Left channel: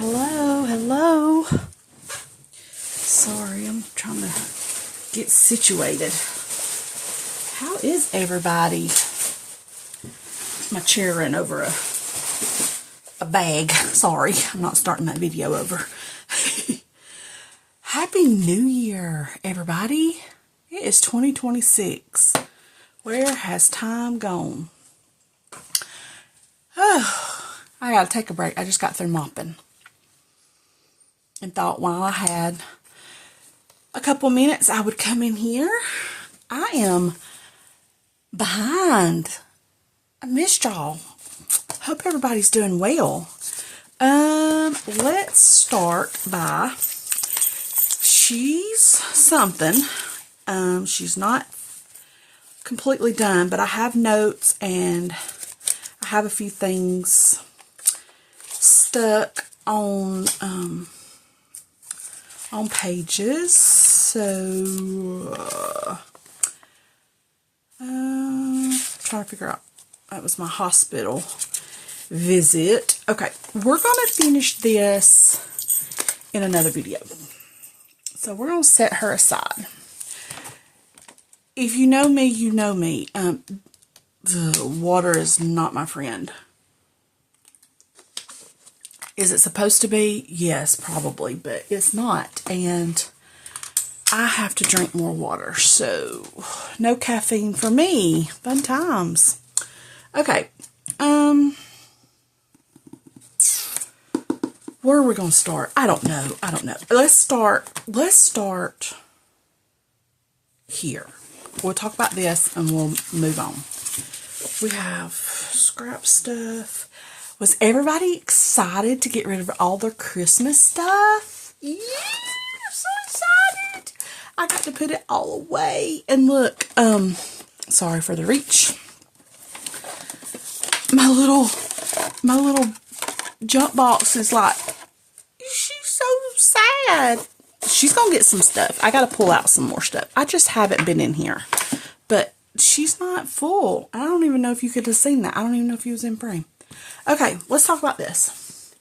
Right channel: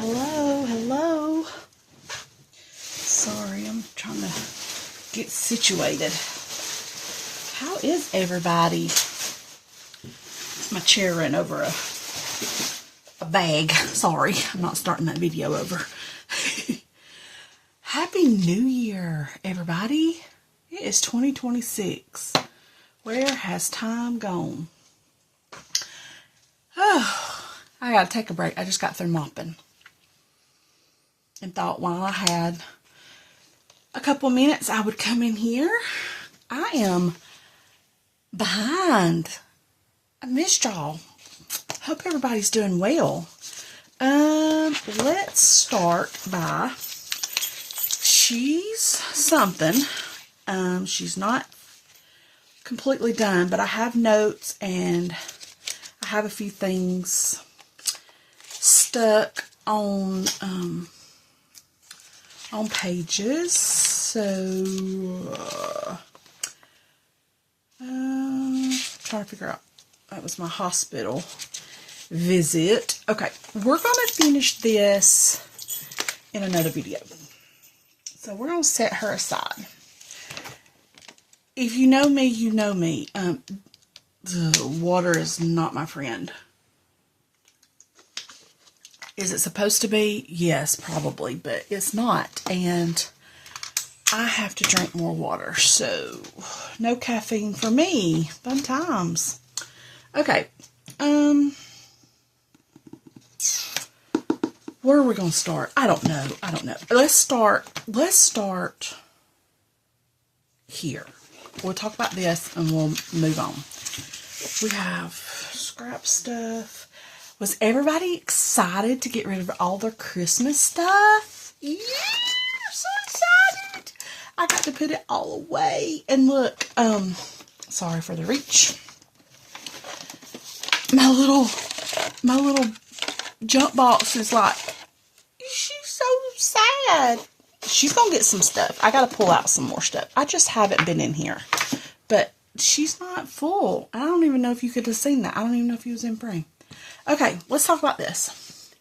Hello, hello. Sorry, I'm trying to get situated. How is everybody? My chair ran over a bag. Sorry, I'm not starting that video over. Happy New Year, everybody. It is 2026. Where has time gone? Oh, I gotta take a break. I just got through mopping. And thought while I had a couple minutes, I would come in here. I am behind. I missed y'all. Hope everybody's doing well. Let's start by, she's something. She's not completely done, but I have notes and I have a few things stuck on pages. So, trying to figure out, that was my hospital visit. Okay, we're going to finish this in another video. So we're going to set her aside. If you know me, you know me. Water is not my friend. Is it supposed to be? Yes, probably, but it's not. And I have to drink more water. So, no caffeine for me. Fun times. Okay. Where are we going to start? I don't know. Let's start here. We'll talk about this and we'll move on. We have scrap stuff. Was everybody excited to get rid of all their Christmas stuff? Yeah, I'm so excited. I got to put it all away. And look, sorry for the reach. My little junk box is like, she's so sad. She's going to get some stuff. I got to pull out some more stuff. I just haven't been in here. But she's not full. I don't even know if you could have seen that. I don't even know if he was in frame. Okay, let's talk about this.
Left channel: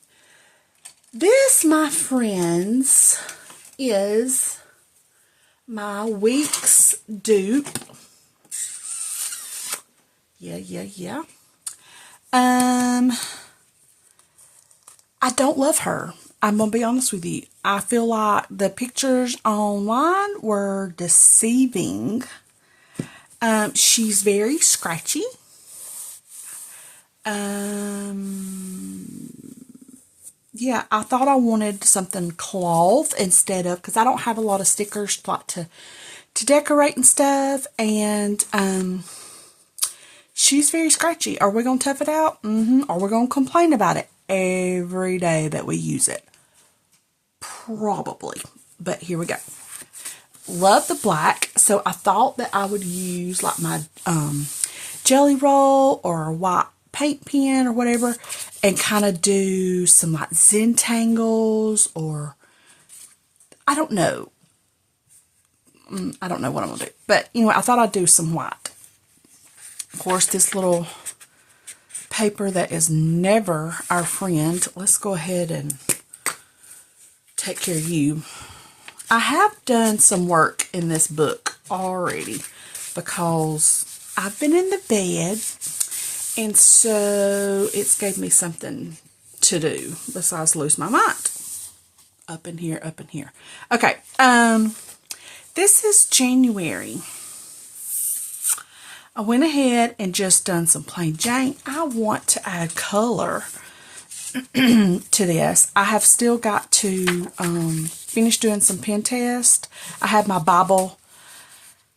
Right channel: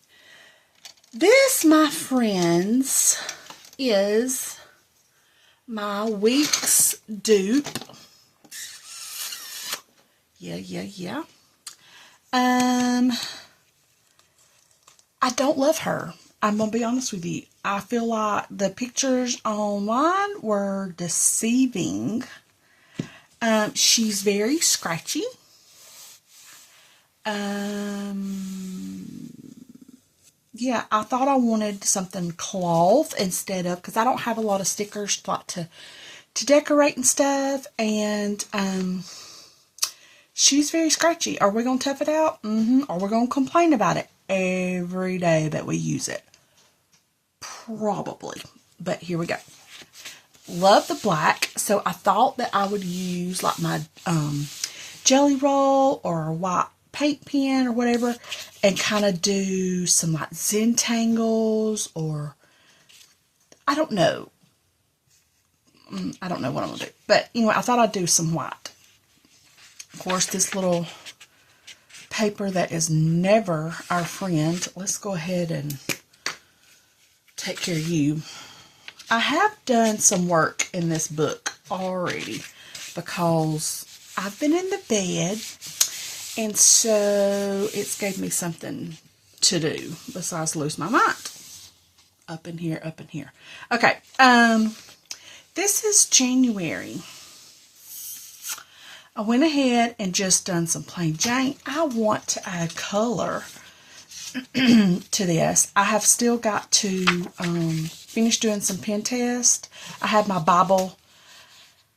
This, my friends, is my week's dupe. Yeah. I don't love her. I'm going to be honest with you. I feel like the pictures online were deceiving. She's very scratchy. Yeah, I thought I wanted something cloth instead of, because I don't have a lot of stickers to decorate and stuff, and she's very scratchy. Are we going to tough it out? Are we going to complain about it every day that we use it? Probably, but here we go. Love the black, so I thought that I would use like my jelly roll or a white paint pen or whatever, and kind of do some like Zentangles, or I don't know. I don't know what I'm going to do. But anyway, I thought I'd do some white. Of course, this little paper that is never our friend. Let's go ahead and take care of you. I have done some work in this book already because I've been in the bed. And so it's gave me something to do besides lose my mind. Up in here. Okay. This is January. I went ahead and just done some plain Jane. I want to add color to this. I have still got to finish doing some pen test. I have my Bible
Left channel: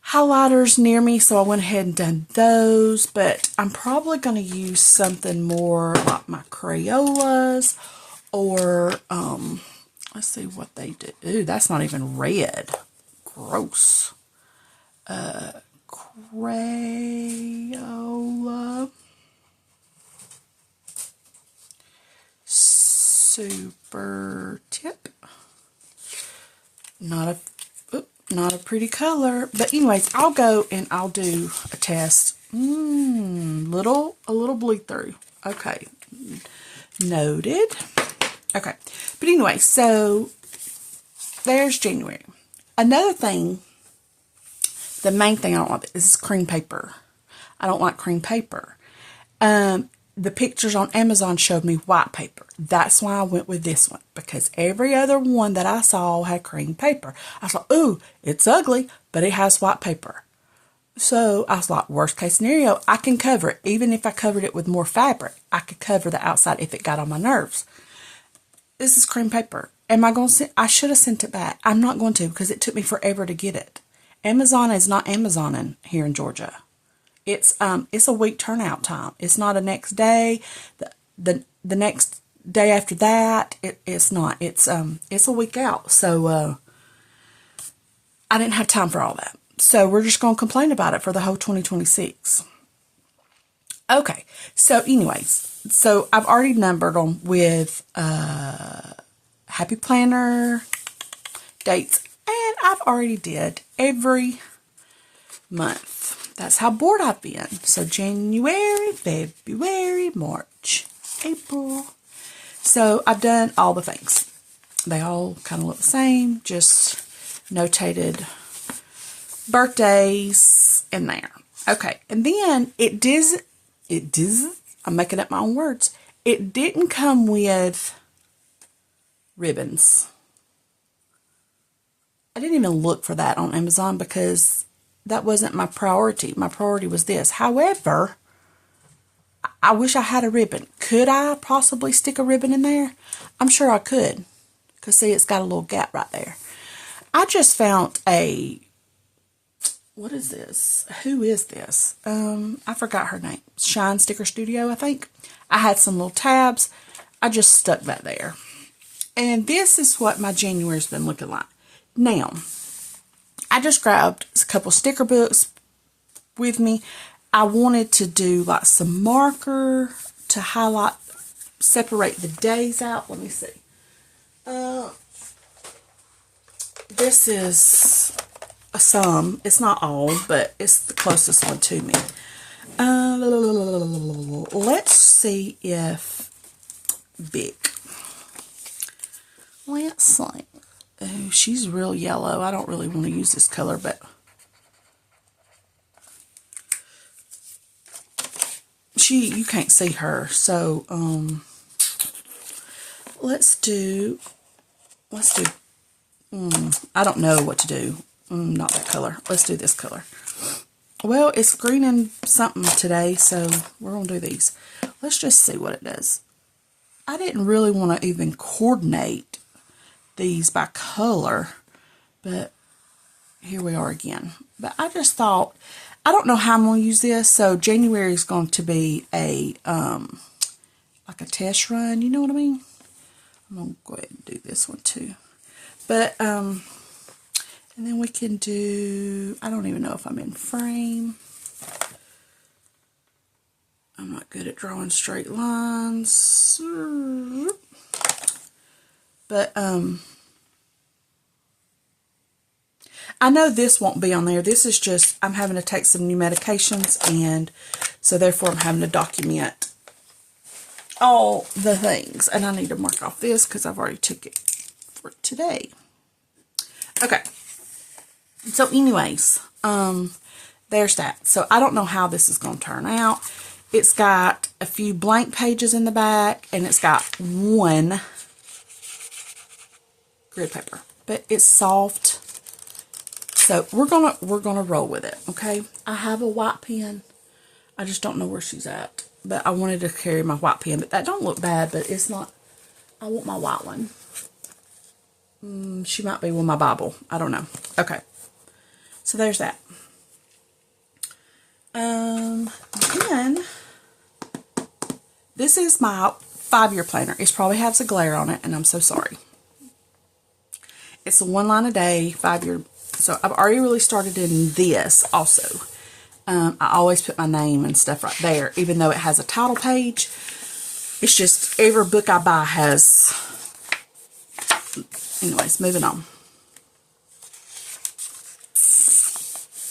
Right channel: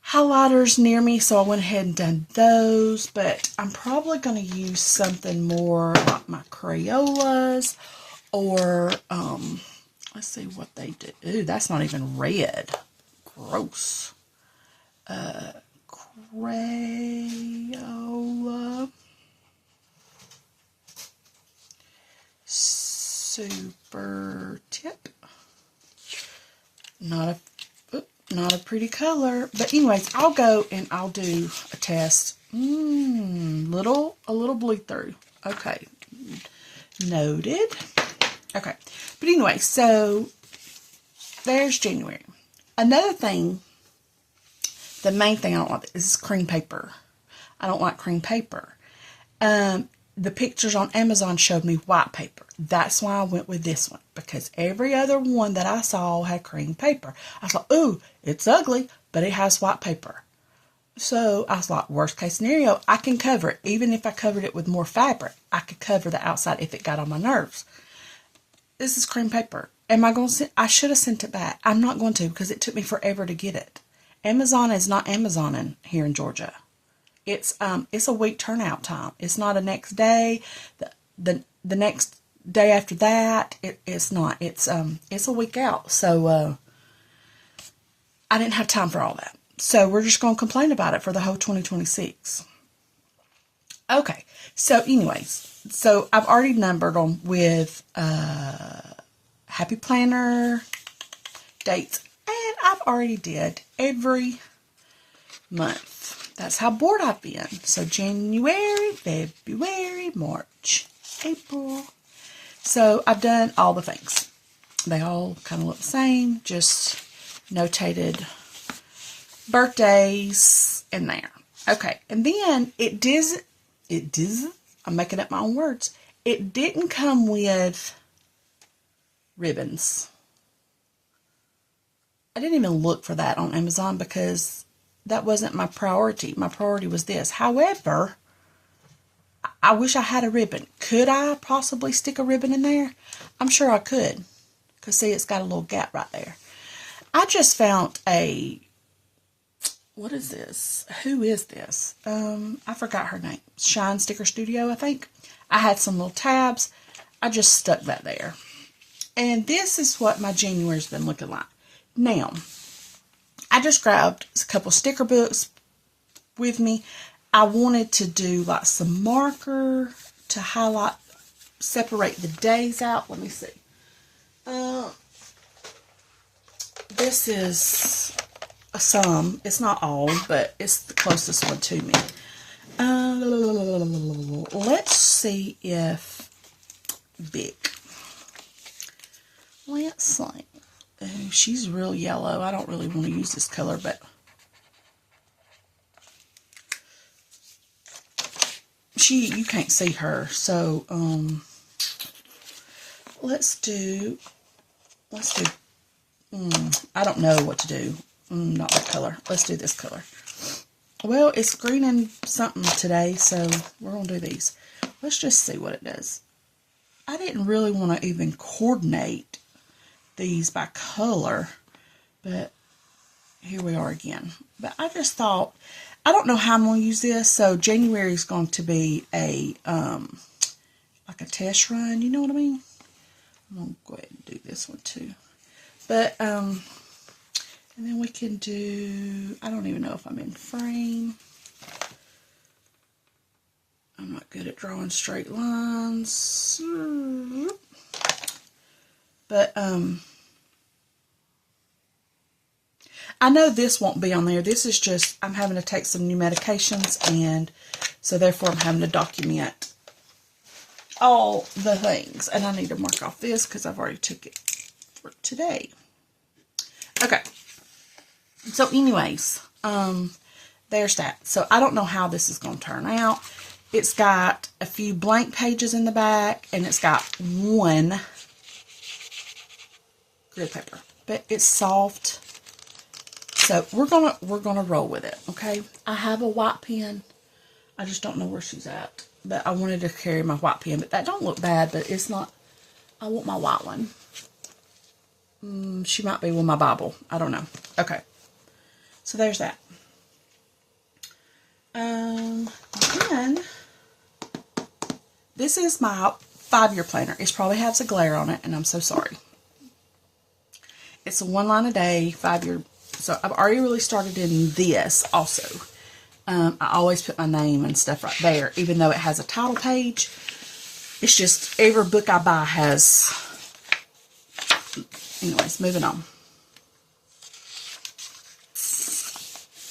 highlighters near me, so I went ahead and done those, but I'm probably going to use something more like my Crayolas, or let's see what they do. Ooh, that's not even red. Gross. Crayola Super Tip. Not a pretty color, but anyways, I'll go and I'll do a test. A little bleed through. Okay, noted. Okay, But anyway, so there's January. Another thing, the main thing I don't like is cream paper. I don't like cream paper. The pictures on Amazon showed me white paper. That's why I went with this one, because every other one that I saw had cream paper. I thought, ooh, it's ugly, but it has white paper. So I was like, worst case scenario, I can cover it. Even if I covered it with more fabric, I could cover the outside if it got on my nerves. This is cream paper. Am I going to send? I should have sent it back. I'm not going to, because it took me forever to get it. Amazon is not Amazoning here in Georgia. It's a week turnout time. It's not a next day. The next day after that, it's not. It's a week out. So I didn't have time for all that. So we're just going to complain about it for the whole 2026. Okay. So anyways, so I've already numbered them with Happy Planner dates, and I've already did every month. That's how bored I've been. So January, February, March, April. So I've done all the things. They all kind of look the same, just notated birthdays in there. Okay, and then I'm making up my own words. It didn't come with ribbons. I didn't even look for that on Amazon because that wasn't my priority. My priority was this. However, I wish I had a ribbon. Could I possibly stick a ribbon in there? I'm sure I could. Because see, it's got a little gap right there. I just found what is this? Who is this? I forgot her name. Shine Sticker Studio, I think. I had some little tabs. I just stuck that there. And this is what my January's been looking like. Now, I just grabbed a couple sticker books with me. I wanted to do like some marker to highlight, separate the days out. Let me see. This is some. It's not all, but it's the closest one to me. Let's see if Big. Let's see. Oh, she's real yellow. I don't really want to use this color, but you can't see her. So, let's do, I don't know what to do. Not that color. Let's do this color. Well, it's green and something today, so we're going to do these. Let's just see what it does. I didn't really want to even coordinate these by color, but here we are again. But I just thought, I don't know how I'm going to use this, so January is going to be a, like a test run, you know what I mean? I'm going to go ahead and do this one too. But, and then we can do, I don't even know if I'm in frame. I'm not good at drawing straight lines. But, I know this won't be on there. This is just, I'm having to take some new medications, and so therefore I'm having to document all the things. And I need to mark off this because I've already took it for today. Okay. So anyways, there's that. So I don't know how this is going to turn out. It's got a few blank pages in the back, and it's got one grid paper, but it's soft. So we're gonna roll with it, okay? I have a white pen. I just don't know where she's at. But I wanted to carry my white pen, but that don't look bad, but it's not. I want my white one. She might be with my Bible. I don't know. Okay. So there's that. Then this is my 5-year planner. It probably has a glare on it, and I'm so sorry. It's a 1 line a day, 5-year. So I've already really started in this also. I always put my name and stuff right there, even though it has a title page. It's just every book I buy has. Anyways, moving on.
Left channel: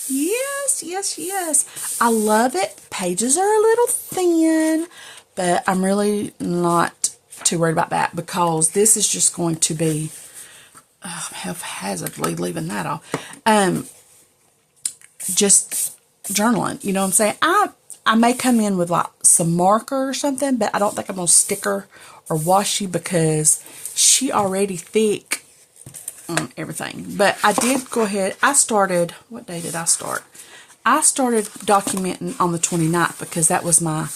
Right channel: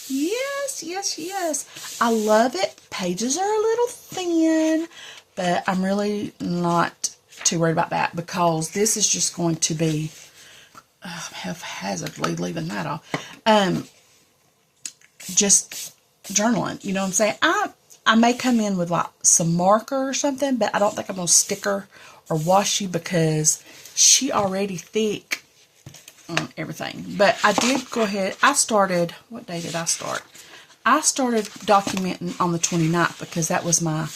Yes, yes, yes. I love it. Pages are a little thin, but I'm really not too worried about that because this is just going to be haphazardly leaving that off. Just journaling, you know what I'm saying? I may come in with like some marker or something, but I don't think I'm going to sticker or washi because she already thick on everything. But I did go ahead. I started, what day did I start? I started documenting on the 29th because that was my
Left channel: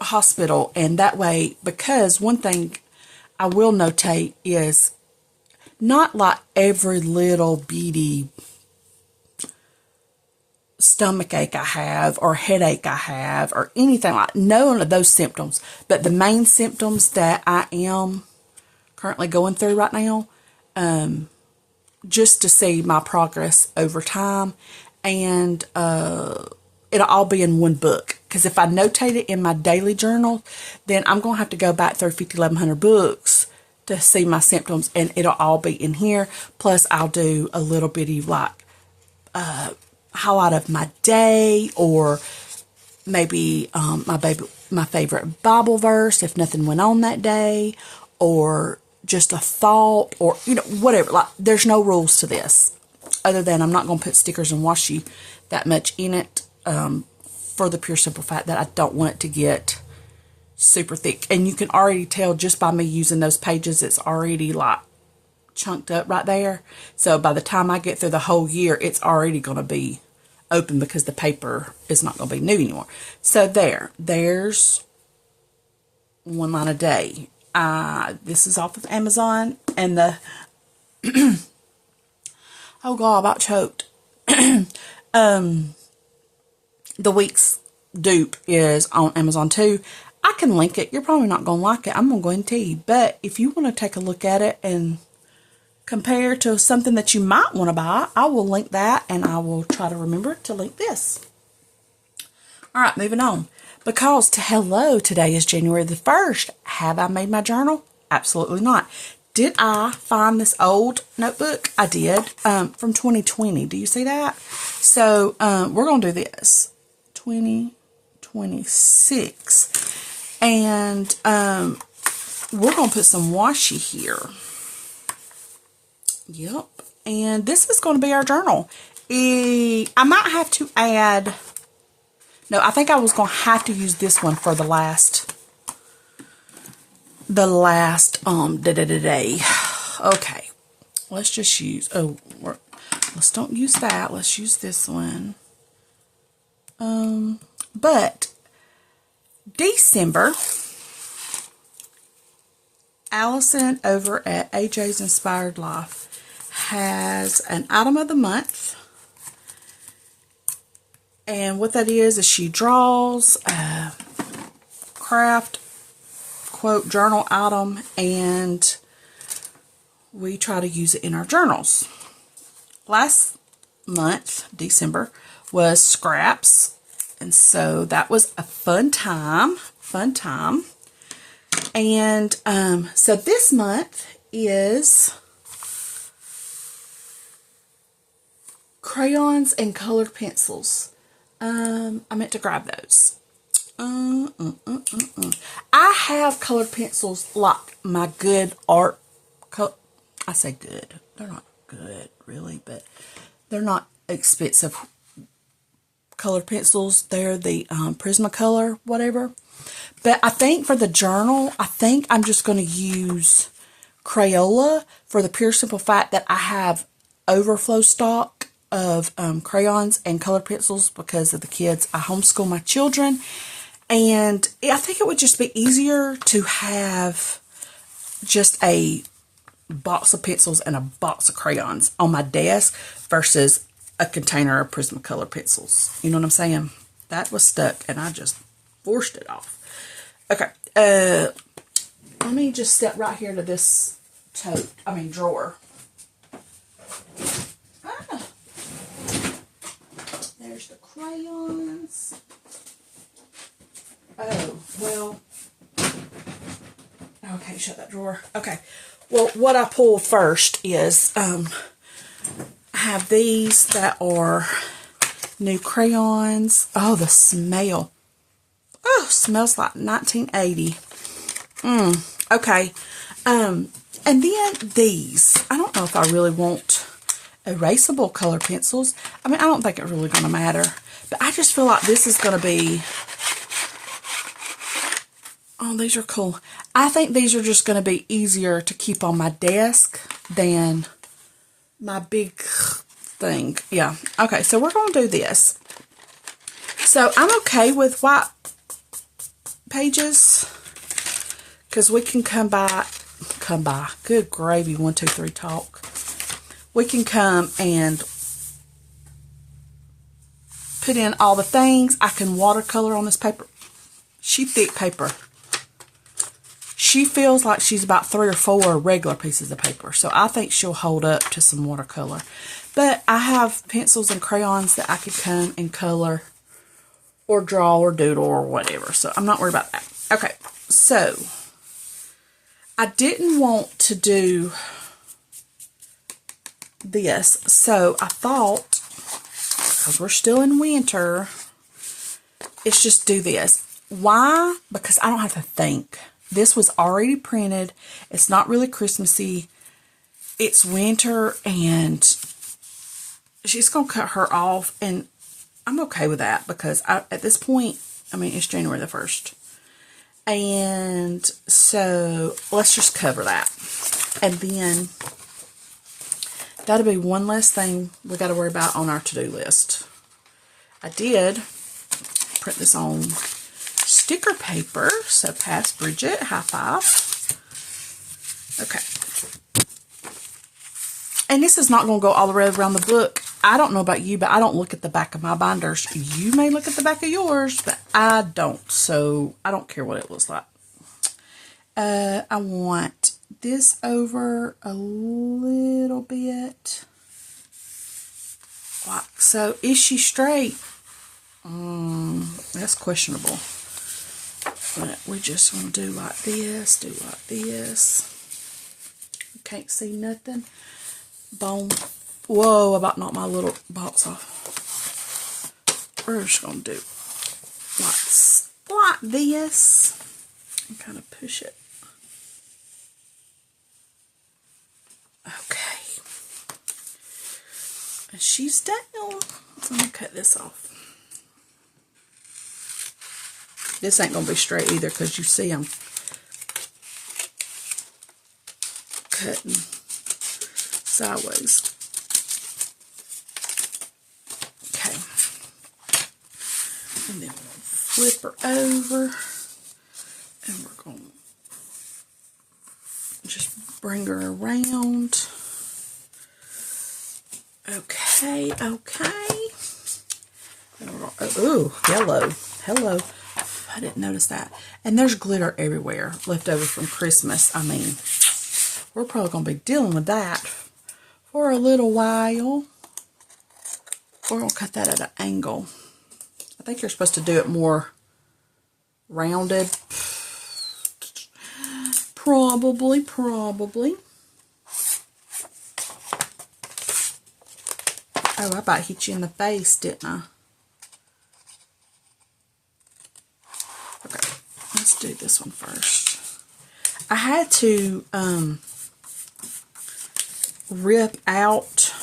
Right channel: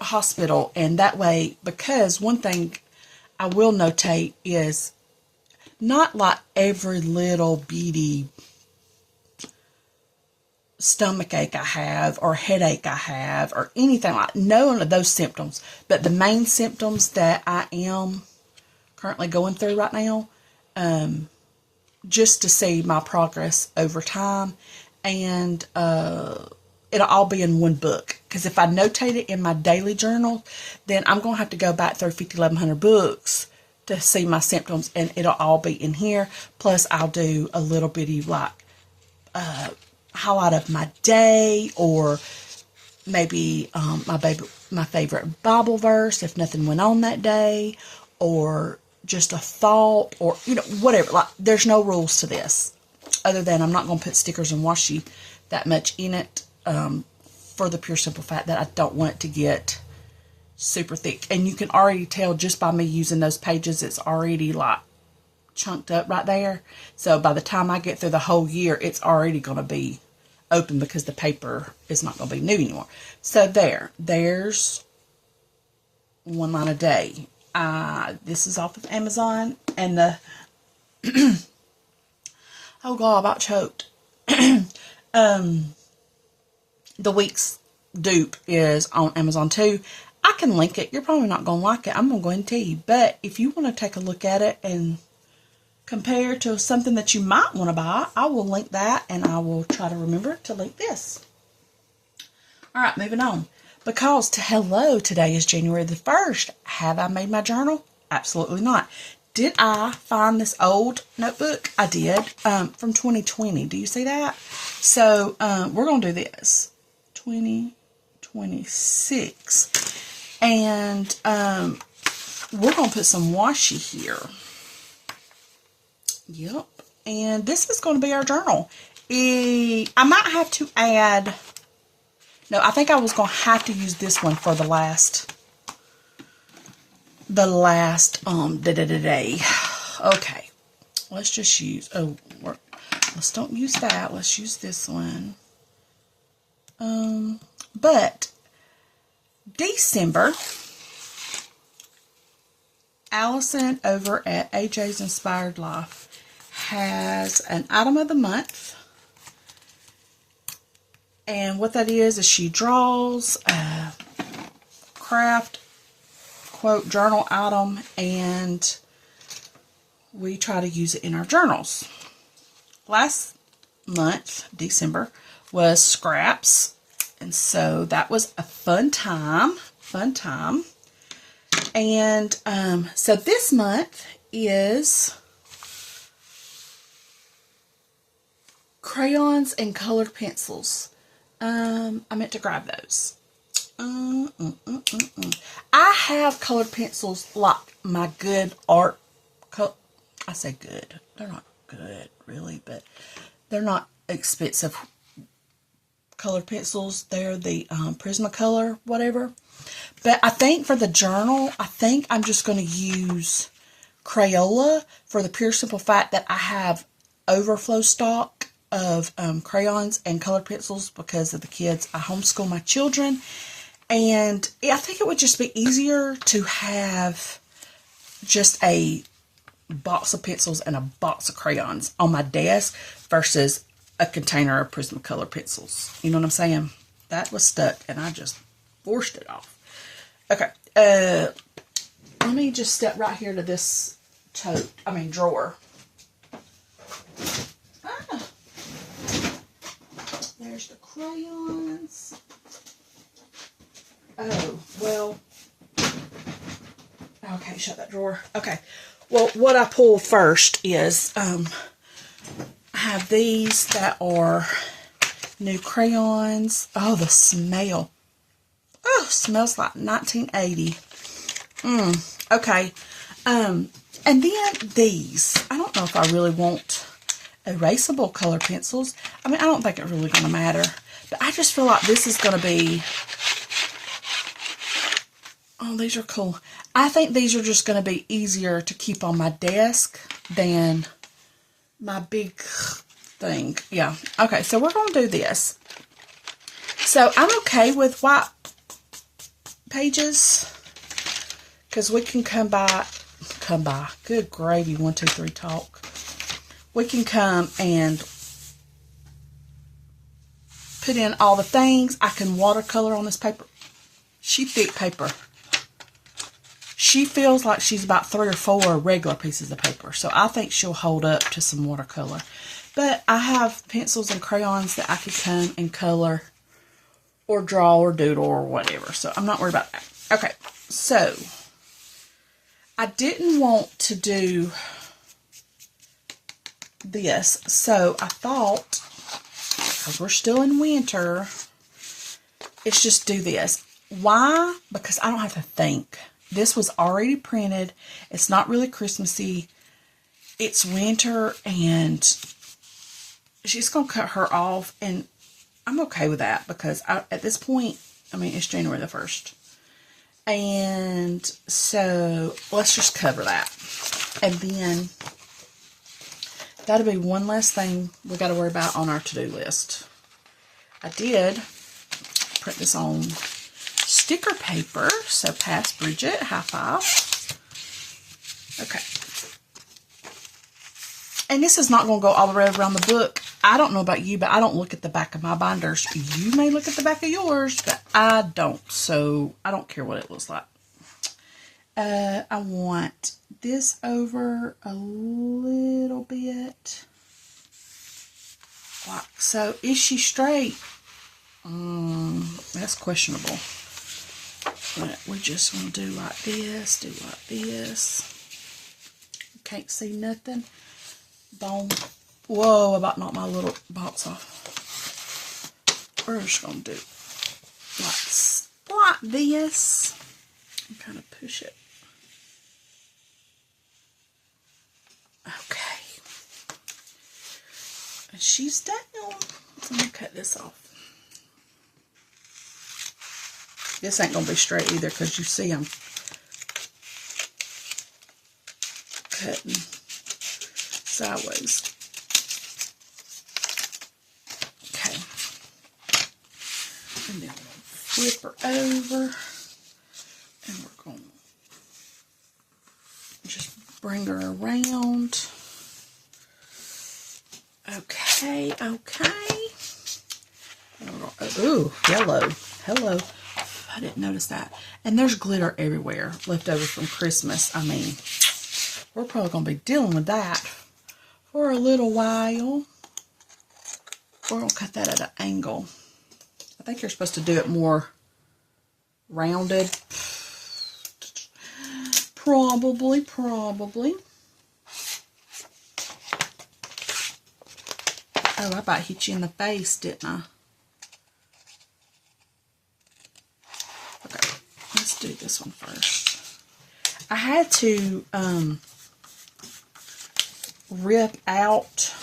hospital. And that way, because one thing I will notate is not like every little bitty stomach ache I have or headache I have or anything like none of those symptoms, but the main symptoms that I am currently going through right now, just to see my progress over time, and it'll all be in one book, because if I notate it in my daily journal, then I'm going to have to go back through 5,100 books to see my symptoms, and it'll all be in here. Plus I'll do a little bitty like highlight of my day, or maybe my favorite Bible verse if nothing went on that day, or just a thought, or whatever. Like, there's no rules to this other than I'm not going to put stickers and washi that much in it, for the pure simple fact that I don't want it to get super thick. And you can already tell just by me using those pages, it's already like chunked up right there. So by the time I get through the whole year, it's already going to be open because the paper is not going to be new anymore. So there's one line a day. This is off of Amazon, and the oh god, I about choked. The week's dupe is on Amazon too. I can link it. You're probably not going to like it. I'm going to go and tell you. But if you want to take a look at it and compare to something that you might want to buy, I will link that, and I will try to remember to link this. All right, moving on. Because hello, today is January the 1st. Have I made my journal? Absolutely not. Did I find this old notebook? I did, from 2020. Do you see that? So, we're going to do this. 2026. And, we're going to put some washi here. Yep. And this is going to be our journal. I might have to add... No, I think I was going to have to use this one for the last day. Okay. Let's just use, let's don't use that. Let's use this one. But December, Allison over at AJ's Inspired Life has an item of the month. And what that is she draws a craft, quote, journal item, and we try to use it in our journals. Last month, December, was scraps. And so that was a fun time. And so this month is crayons and colored pencils. I meant to grab those. I have colored pencils like my good art. I say good. They're not good, really, but they're not expensive colored pencils. They're the Prismacolor, whatever. But I think for the journal, I think I'm just going to use Crayola for the pure simple fact that I have overflow stock of crayons and colored pencils because of the kids. I homeschool my children, and I think it would just be easier to have just a box of pencils and a box of crayons on my desk versus a container of Prismacolor pencils. You know what I'm saying? That was stuck, and I just forced it off. Okay, let me just step right here to this drawer. There's the crayons. Oh, well. Okay, shut that drawer. Okay. Well, what I pulled first is, I have these that are new crayons. Oh, the smell. Oh, smells like 1980. Okay. And then these. I don't know if I really want erasable color pencils. I mean, I don't think it's really going to matter. But I just feel like this is going to be... Oh, these are cool. I think these are just going to be easier to keep on my desk than my big thing. Yeah. Okay, so we're going to do this. So I'm okay with white pages because we can come by. Good gravy, 1, 2, 3 talk. We can come and put in all the things. I can watercolor on this paper. She thick paper. She feels like she's about 3 or 4 regular pieces of paper. So I think she'll hold up to some watercolor. But I have pencils and crayons that I could come and color or draw or doodle or whatever. So I'm not worried about that. Okay, so I didn't want to do this. So I thought, because we're still in winter, let's just do this. Why? Because I don't have to think. This was already printed. It's not really Christmassy. It's winter, and she's going to cut her off, and I'm okay with that because at this point, I mean, it's January the 1st. And so let's just cover that. And then that'll be one less thing we got to worry about on our to-do list. I did print this on sticker paper, so pass Bridget, high five. Okay. And this is not going to go all the way around the book. I don't know about you, but I don't look at the back of my binders. You may look at the back of yours, but I don't, so I don't care what it looks like. I want this over a little bit. Wow. So, is she straight? That's questionable. But we're just going to do like this, do like this. Can't see nothing. Boom. Whoa, I about knocked my little box off. We're just going to do like this. And kind of push it. Okay. And she's down. Let me cut this off. This ain't going to be straight either because you see I'm cutting sideways. Okay. And then we'll flip her over. And we're going to just bring her around. Okay, okay. And we're going to, ooh, yellow. Hello. I didn't notice that. And there's glitter everywhere left over from Christmas. I mean, we're probably going to be dealing with that for a little while. We're going to cut that at an angle. I think you're supposed to do it more rounded. Probably. Oh, I about hit you in the face, didn't I? Okay, let's do this one first. I had to rip out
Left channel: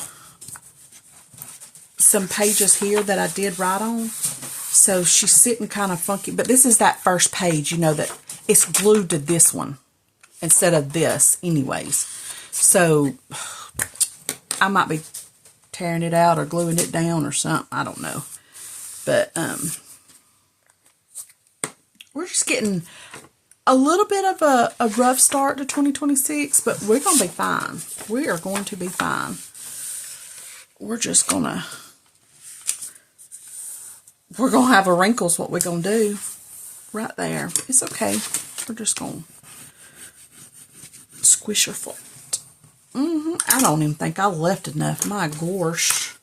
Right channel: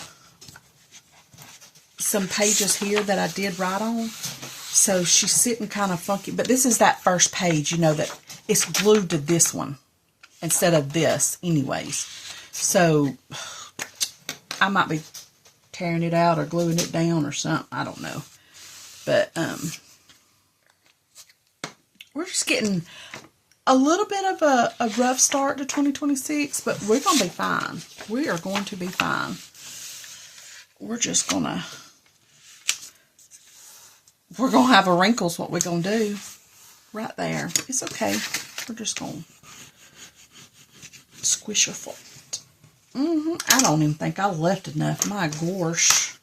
some pages here that I did write on. So she's sitting kind of funky. But this is that first page, you know, that it's glued to this one instead of this anyways. So I might be tearing it out or gluing it down or something. I don't know. But we're just getting a little bit of a rough start to 2026, but we're going to be fine. We are going to be fine. We're just going to... We're going to have a wrinkles, what we're going to do. Right there. It's okay. We're just going to squish her foot. I don't even think I left enough, my gosh,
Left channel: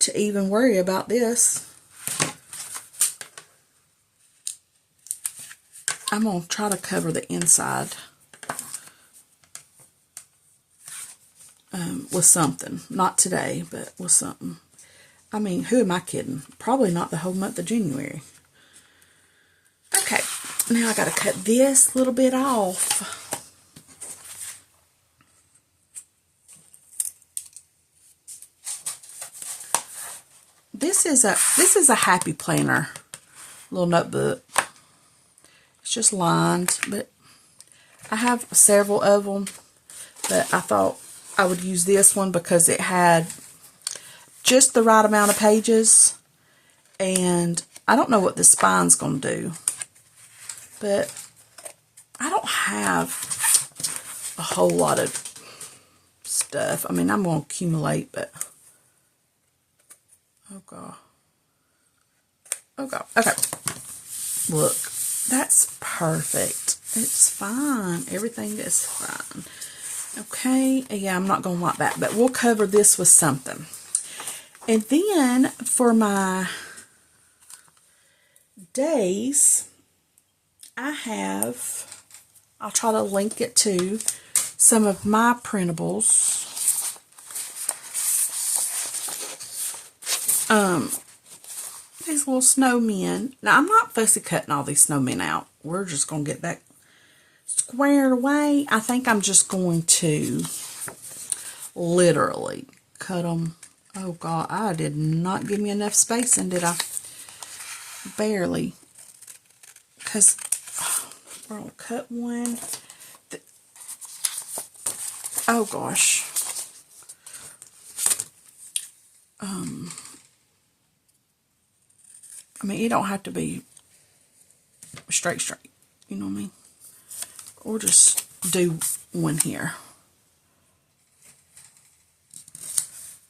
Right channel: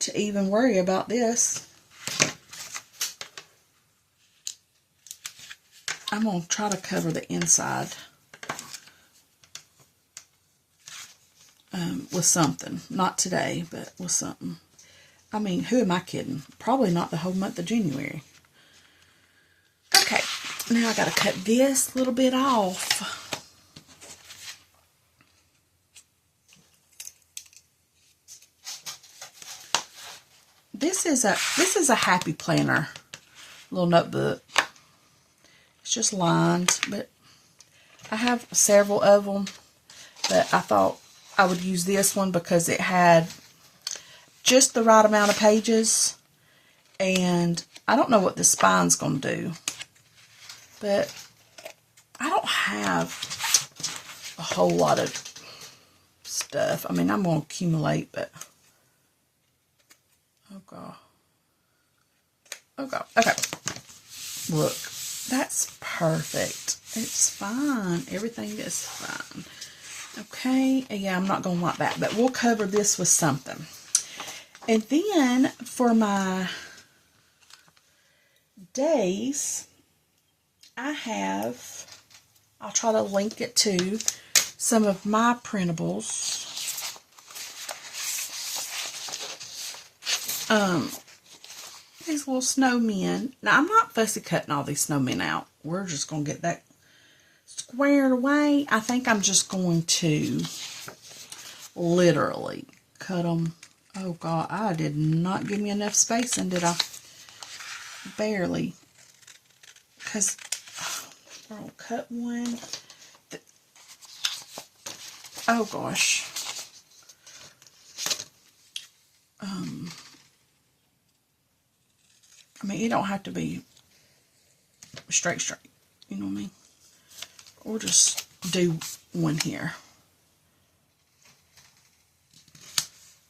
to even worry about this. I'm going to try to cover the inside with something. Not today, but with something. I mean, who am I kidding? Probably not the whole month of January. Okay, now I got to cut this little bit off. This is a happy planner little notebook. It's just lined, but I have several of them, but I thought I would use this one because it had just the right amount of pages, and I don't know what the spine's going to do, but I don't have a whole lot of stuff. I mean, I'm going to accumulate, but oh god. Oh god. Okay. Look, that's perfect. It's fine. Everything is fine. Okay. Yeah, I'm not going to like that, but we'll cover this with something. And then for my days, I'll try to link it to some of my printables. These little snowmen. Now, I'm not fussy cutting all these snowmen out. We're just going to get that squared away. I think I'm just going to literally cut them. Oh, God, I did not give me enough spacing, did I? Barely. Because we're going to cut one. Oh, gosh. I mean, it don't have to be straight. You know what I mean? We'll just do one here.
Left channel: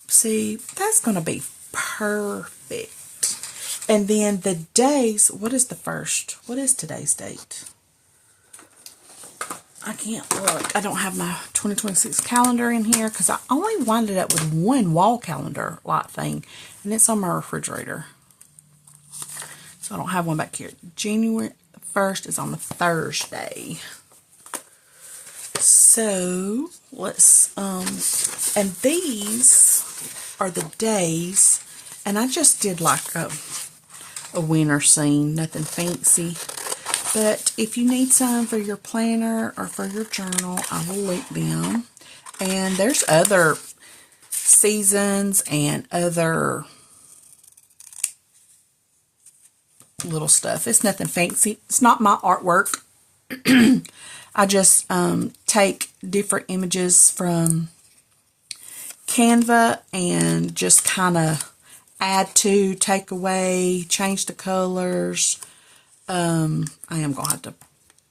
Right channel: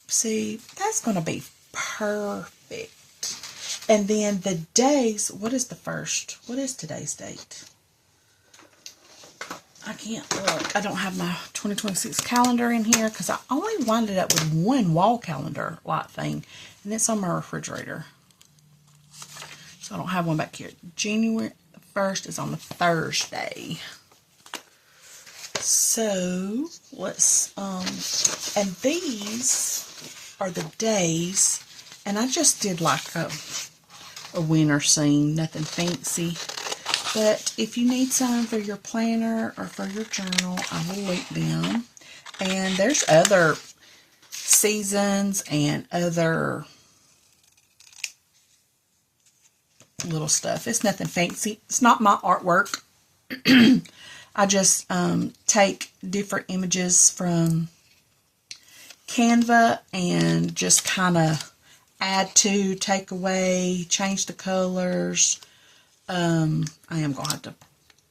See, that's going to be perfect. And then the days, what is the first? What is today's date? I can't look. I don't have my 2026 calendar in here because I only winded up with one wall calendar light thing, and it's on my refrigerator. So I don't have one back here. January 1st is on the Thursday. So let's and these are the days, and I just did like a winter scene, nothing fancy. But if you need some for your planner or for your journal, I will link them. And there's other seasons and other little stuff. It's nothing fancy. It's not my artwork. I just take different images from Canva and just kind of add to, take away, change the colors. I am going to have to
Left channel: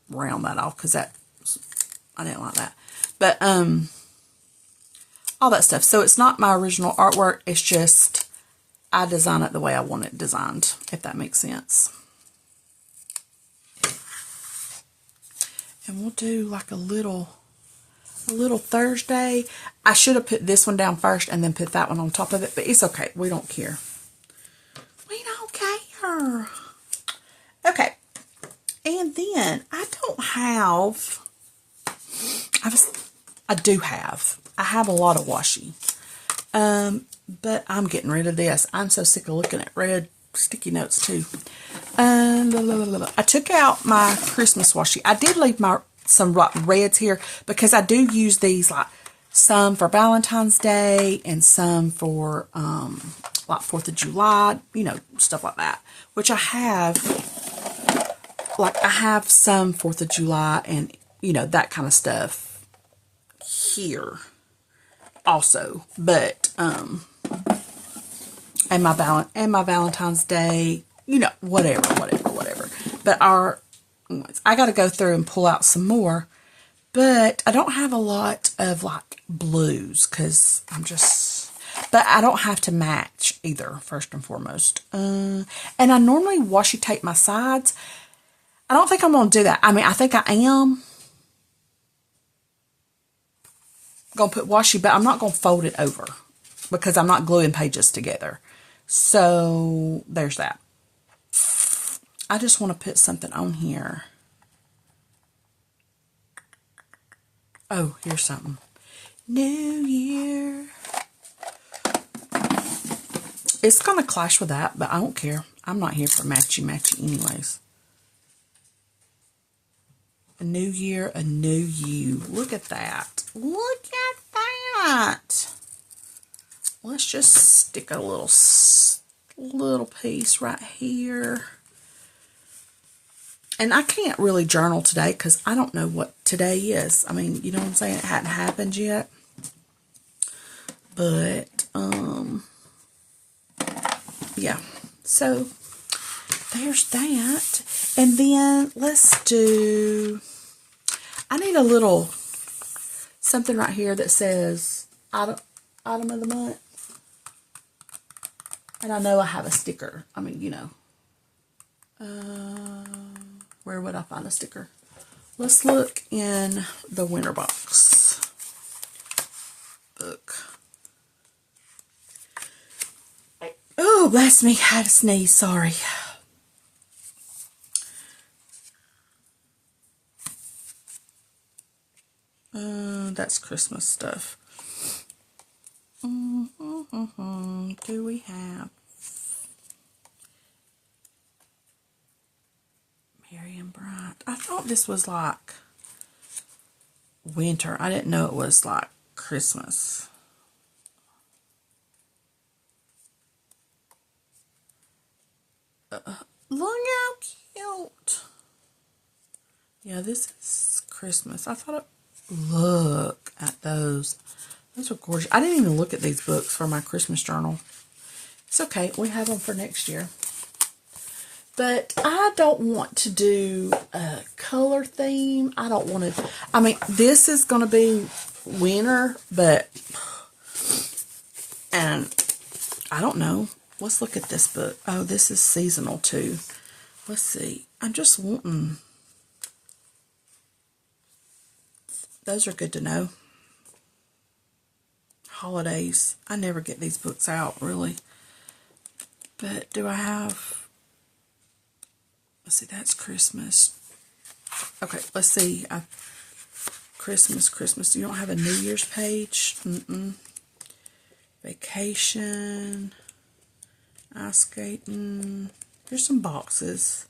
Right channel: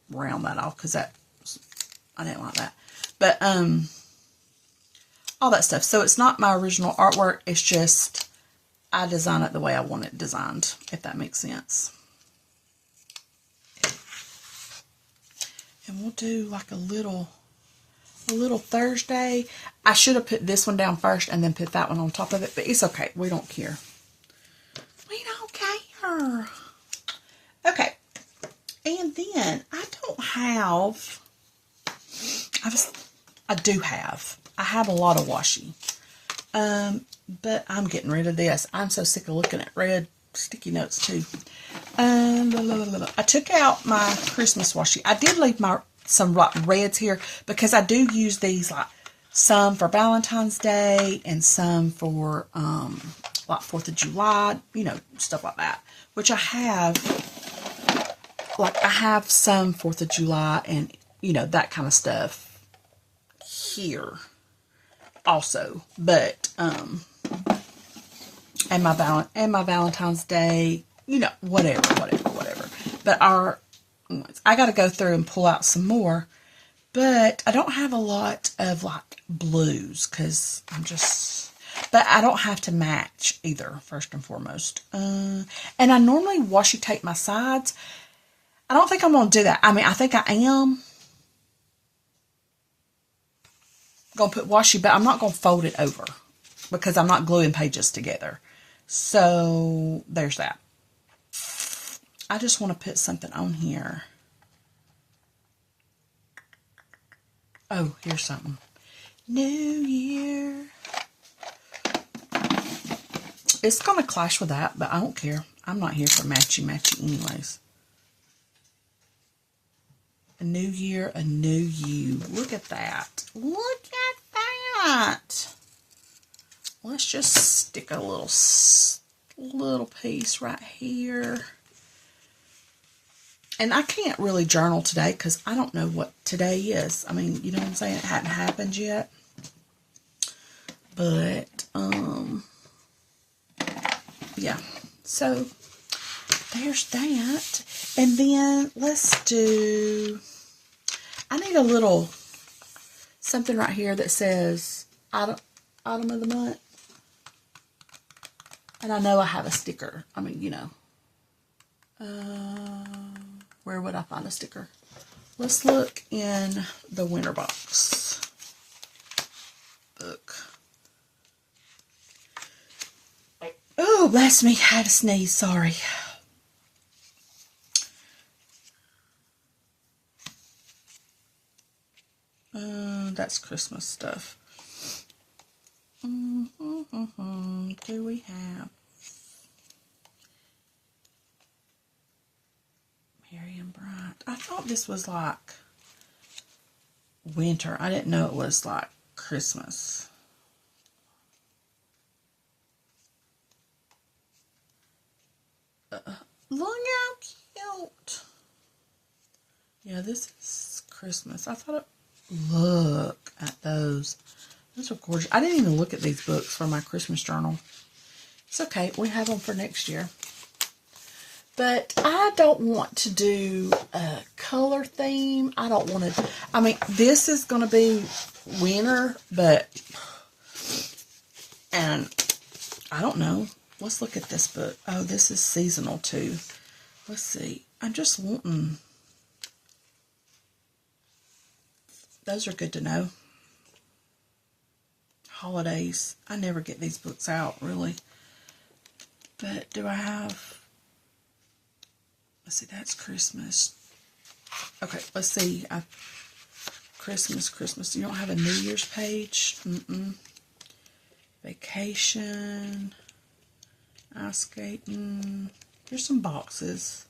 round that off because I didn't like that. But all that stuff. So it's not my original artwork. It's just I design it the way I want it designed, if that makes sense. And we'll do like a little Thursday. I should have put this one down first and then put that one on top of it, but it's okay. We don't care. We don't care. Okay. And then I don't have, I have a lot of washi. But I'm getting rid of this. I'm so sick of looking at red sticky notes too. I took out my Christmas washi. I did leave some like reds here because I do use these, like some for Valentine's Day and some for like 4th of July, you know, stuff like that. Which I have, like I have some 4th of July and, you know, that kind of stuff here also. But and my Valentine's Day, you know, whatever. But I got to go through and pull out some more. But I don't have a lot of like blues because but I don't have to match either, first and foremost. And I normally washi tape my sides. I don't think I'm going to do that. I mean, I think I am going to put washi, but I'm not going to fold it over because I'm not gluing pages together. So there's that. I just want to put something on here. Oh, here's something. New Year. It's going to clash with that, but I don't care. I'm not here for matchy anyways. new year, a new you. Look at that. Look at that. Let's just stick a little piece right here. And I can't really journal today because I don't know what today is. I mean, you know what I'm saying? It hadn't happened yet. But, yeah. So, there's that. And then, let's do... I need a little something right here that says item of the month. And I know I have a sticker. I mean, you know. Where would I find a sticker? Let's look in the winter box book. Oh, bless me. I had a sneeze. Sorry. That's Christmas stuff. Do we have Merry and Bright? I thought this was like winter. I didn't know it was like Christmas. Look how cute. Yeah, this is Christmas. I thought it... Look at those. Those are gorgeous. I didn't even look at these books for my Christmas journal. It's okay. We have them for next year. But I don't want to do a color theme. I don't want to... I mean, this is going to be winter, but... And I don't know. Let's look at this book. Oh, this is seasonal too. Let's see. I'm just wanting... Those are good to know. Holidays. I never get these books out, really. But do I have... Let's see, that's Christmas. Okay, let's see. Christmas. You don't have a New Year's page? Vacation. Ice skating. Here's some boxes.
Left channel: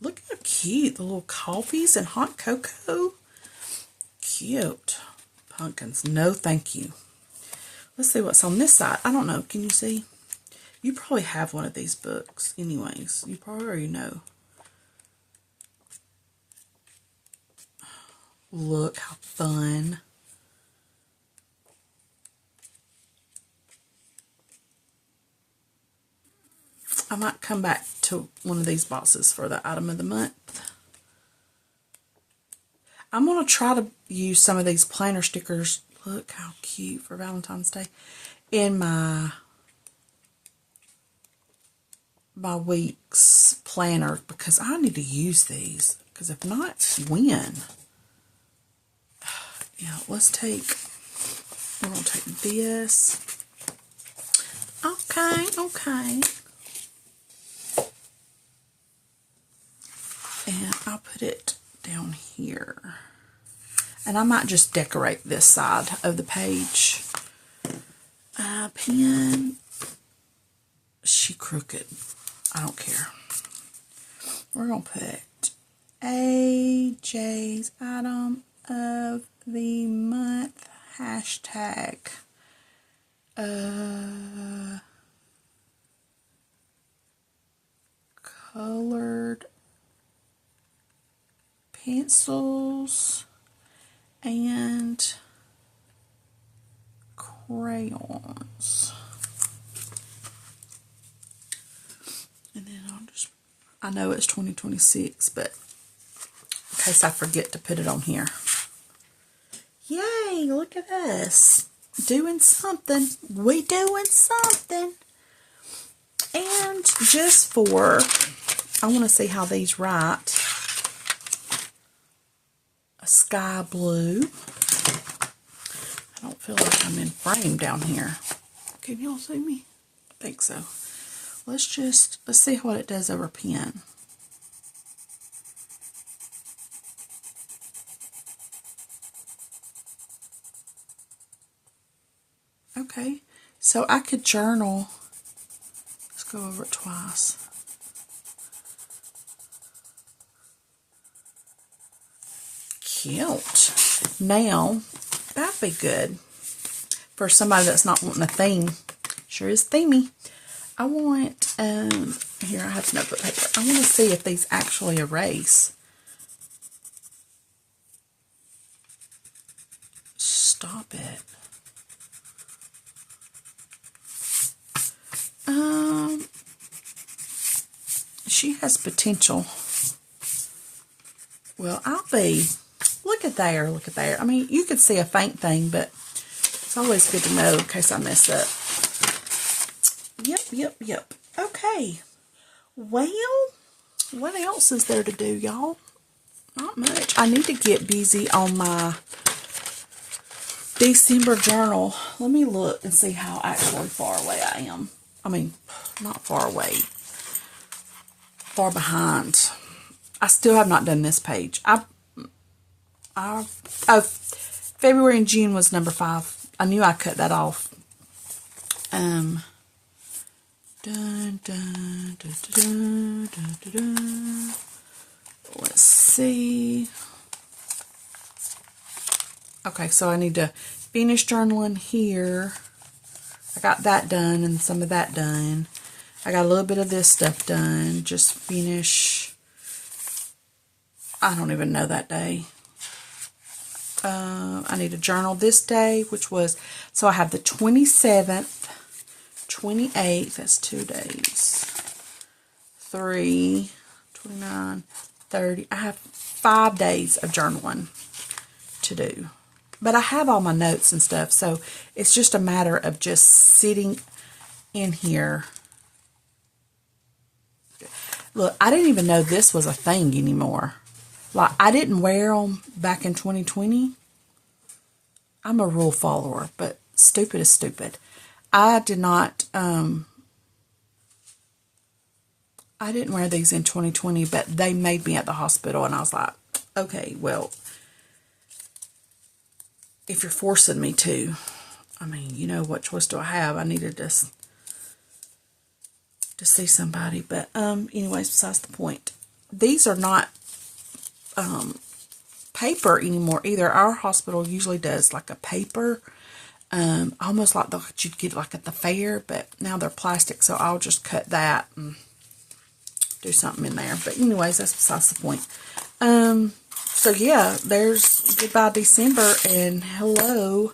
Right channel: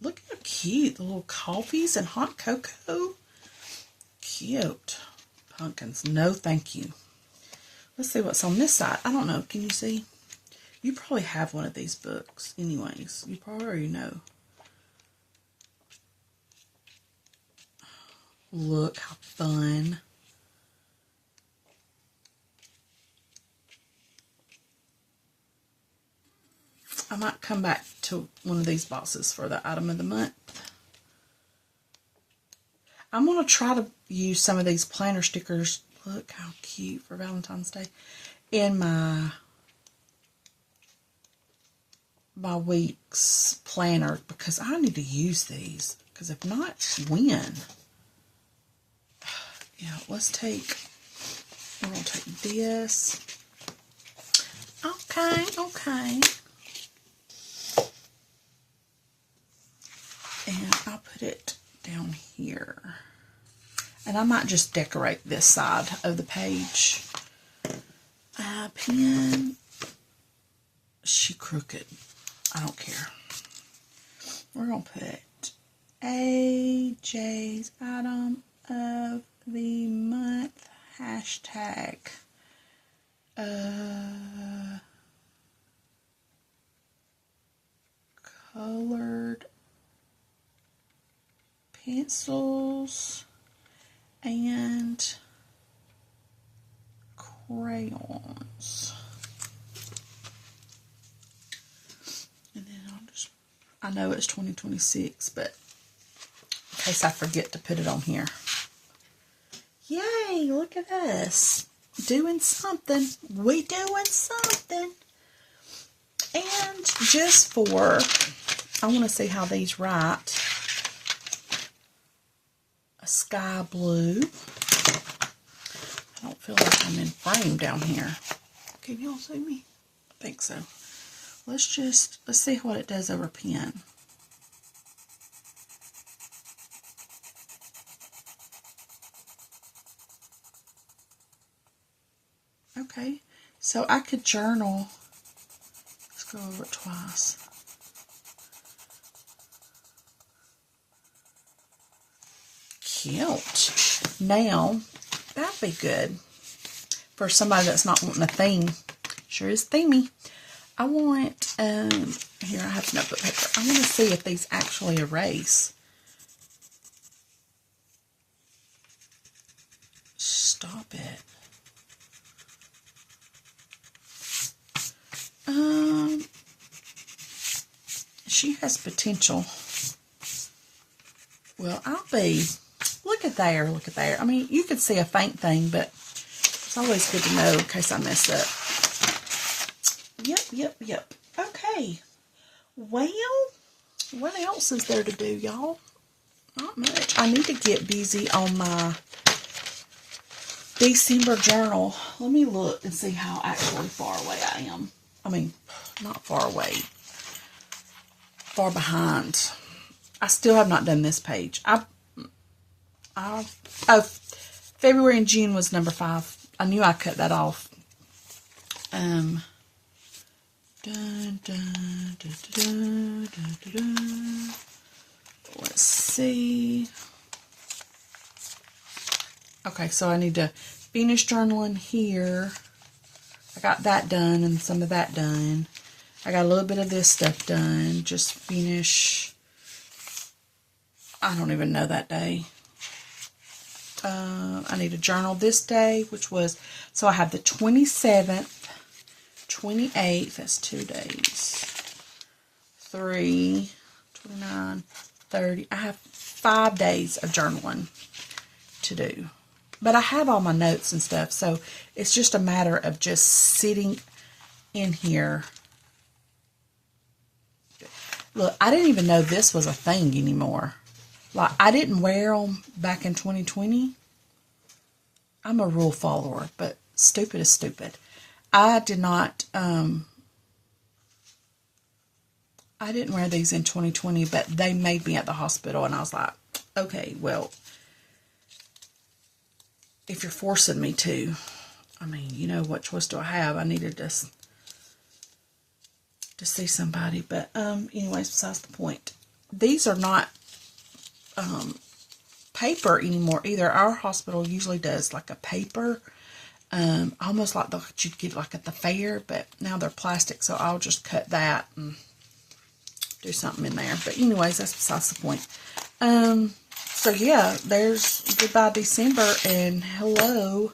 Look how cute. The little coffees and hot cocoa. Cute. Pumpkins. No, thank you. Let's see what's on this side. I don't know. Can you see? You probably have one of these books anyways. You probably already know. Look how fun. I might come back to one of these boxes for the item of the month. I'm going to try to use some of these planner stickers. Look how cute for Valentine's Day. In my week's planner. Because I need to use these. Because if not, when? Yeah, let's take... I'm going to take this. Okay. And I'll put it down here. And I might just decorate this side of the page. Pen. She crooked. I don't care. We're going to put AJ's item of the month. Hashtag. Colored pencils and crayons. And then I know it's 2026, but in case I forget to put it on here. Yay, look at us. Doing something. We doing something. And just for, I want to see how these write. A sky blue. I don't feel like I'm in frame down here. Can y'all see me? I think so. Let's see what it does over pen. Okay, So I could journal. Let's go over it twice. Cute. Now, that'd be good for somebody that's not wanting a theme. Sure is themey. I want, here I have notebook paper. I want to see if these actually erase. Stop it. She has potential. Well, I'll be, look at there, look at there. I mean, you could see a faint thing, but it's always good to know in case I mess up. Yep. Okay. Well, what else is there to do, y'all? Not much. I need to get busy on my December journal. Let me look and see how actually far away I am. I mean, not far away. Far behind. I still have not done this page. February and June was number 5. I knew I cut that off. Let's see. Okay, so I need to finish journaling here. I got that done and some of that done. I got a little bit of this stuff done. Just finish. I don't even know that day. I need to journal this day, which was, so I have the 27th, 28th, that's 2 days. 3, 29, 30. I have 5 days of journaling to do. But I have all my notes and stuff, so it's just a matter of just sitting in here. Look, I didn't even know this was a thing anymore. Like, I didn't wear them back in 2020. I'm a rule follower, but stupid is stupid. I did not, I didn't wear these in 2020, but they made me at the hospital, and I was like, okay, well, if you're forcing me to, I mean, you know, what choice do I have? I needed to see somebody, but anyways, besides the point. These are not paper anymore either. Our hospital usually does like a paper, almost like what you'd get like at the fair, but now they're plastic, so I'll just cut that and do something in there. But anyways, that's besides the point. So yeah, there's goodbye December and hello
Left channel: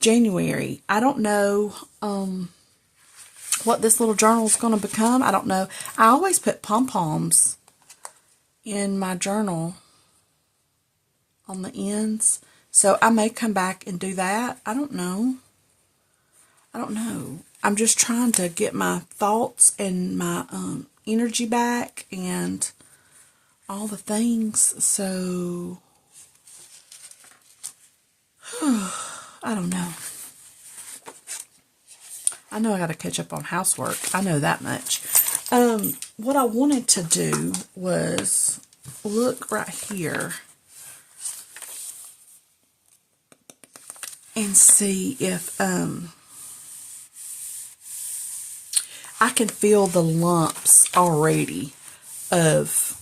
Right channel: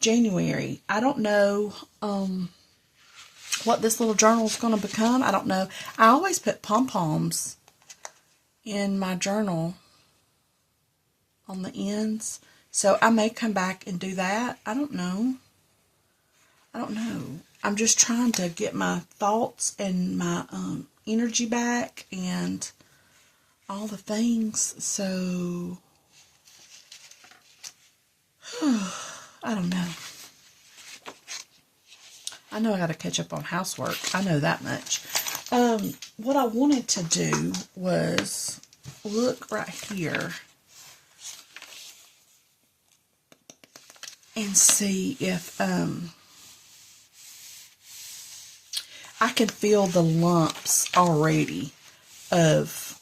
January. I don't know what this little journal is going to become. I don't know. I always put pom-poms in my journal on the ends. So I may come back and do that. I don't know. I'm just trying to get my thoughts and my energy back and all the things. So I don't know. I know I got to catch up on housework. I know that much. What I wanted to do was look right here and see if I can feel the lumps already of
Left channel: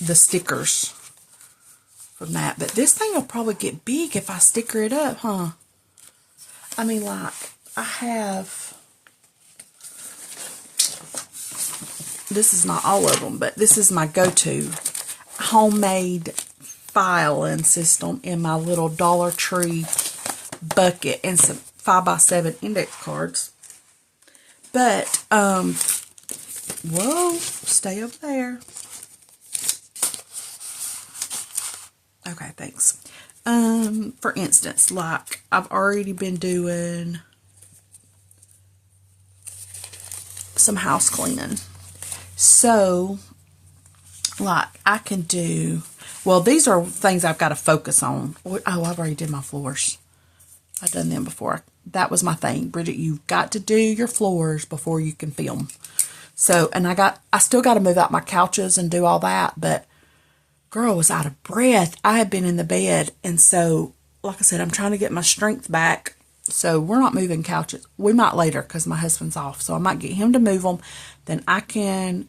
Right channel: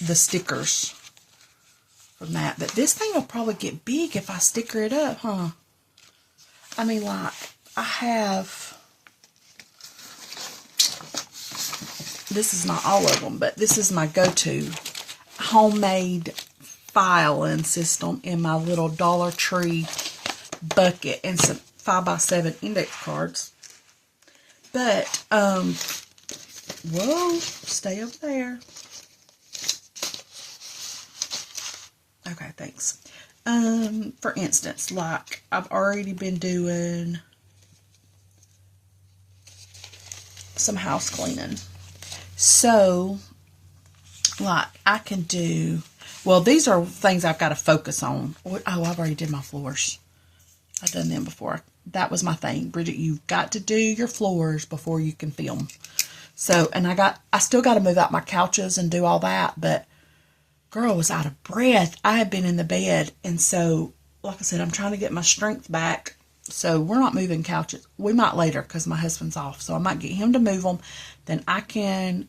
the stickers from that. But this thing will probably get big if I sticker it up, huh? I mean, like, I have, this is not all of them, but this is my go-to homemade filing system in my little Dollar Tree bucket and some 5x7 index cards. But, whoa, stay over there. Okay, thanks. For instance, like, I've already been doing some house cleaning. So, like, I can do, well, these are things I've got to focus on. Oh, I've already did my floors. I've done them before. That was my thing. Bridget, you've got to do your floors before you can film. So, and I still got to move out my couches and do all that, but girl was out of breath. I had been in the bed, and so, like I said, I'm trying to get my strength back So we're not moving couches. We might later because my husband's off. So I might get him to move them. Then I can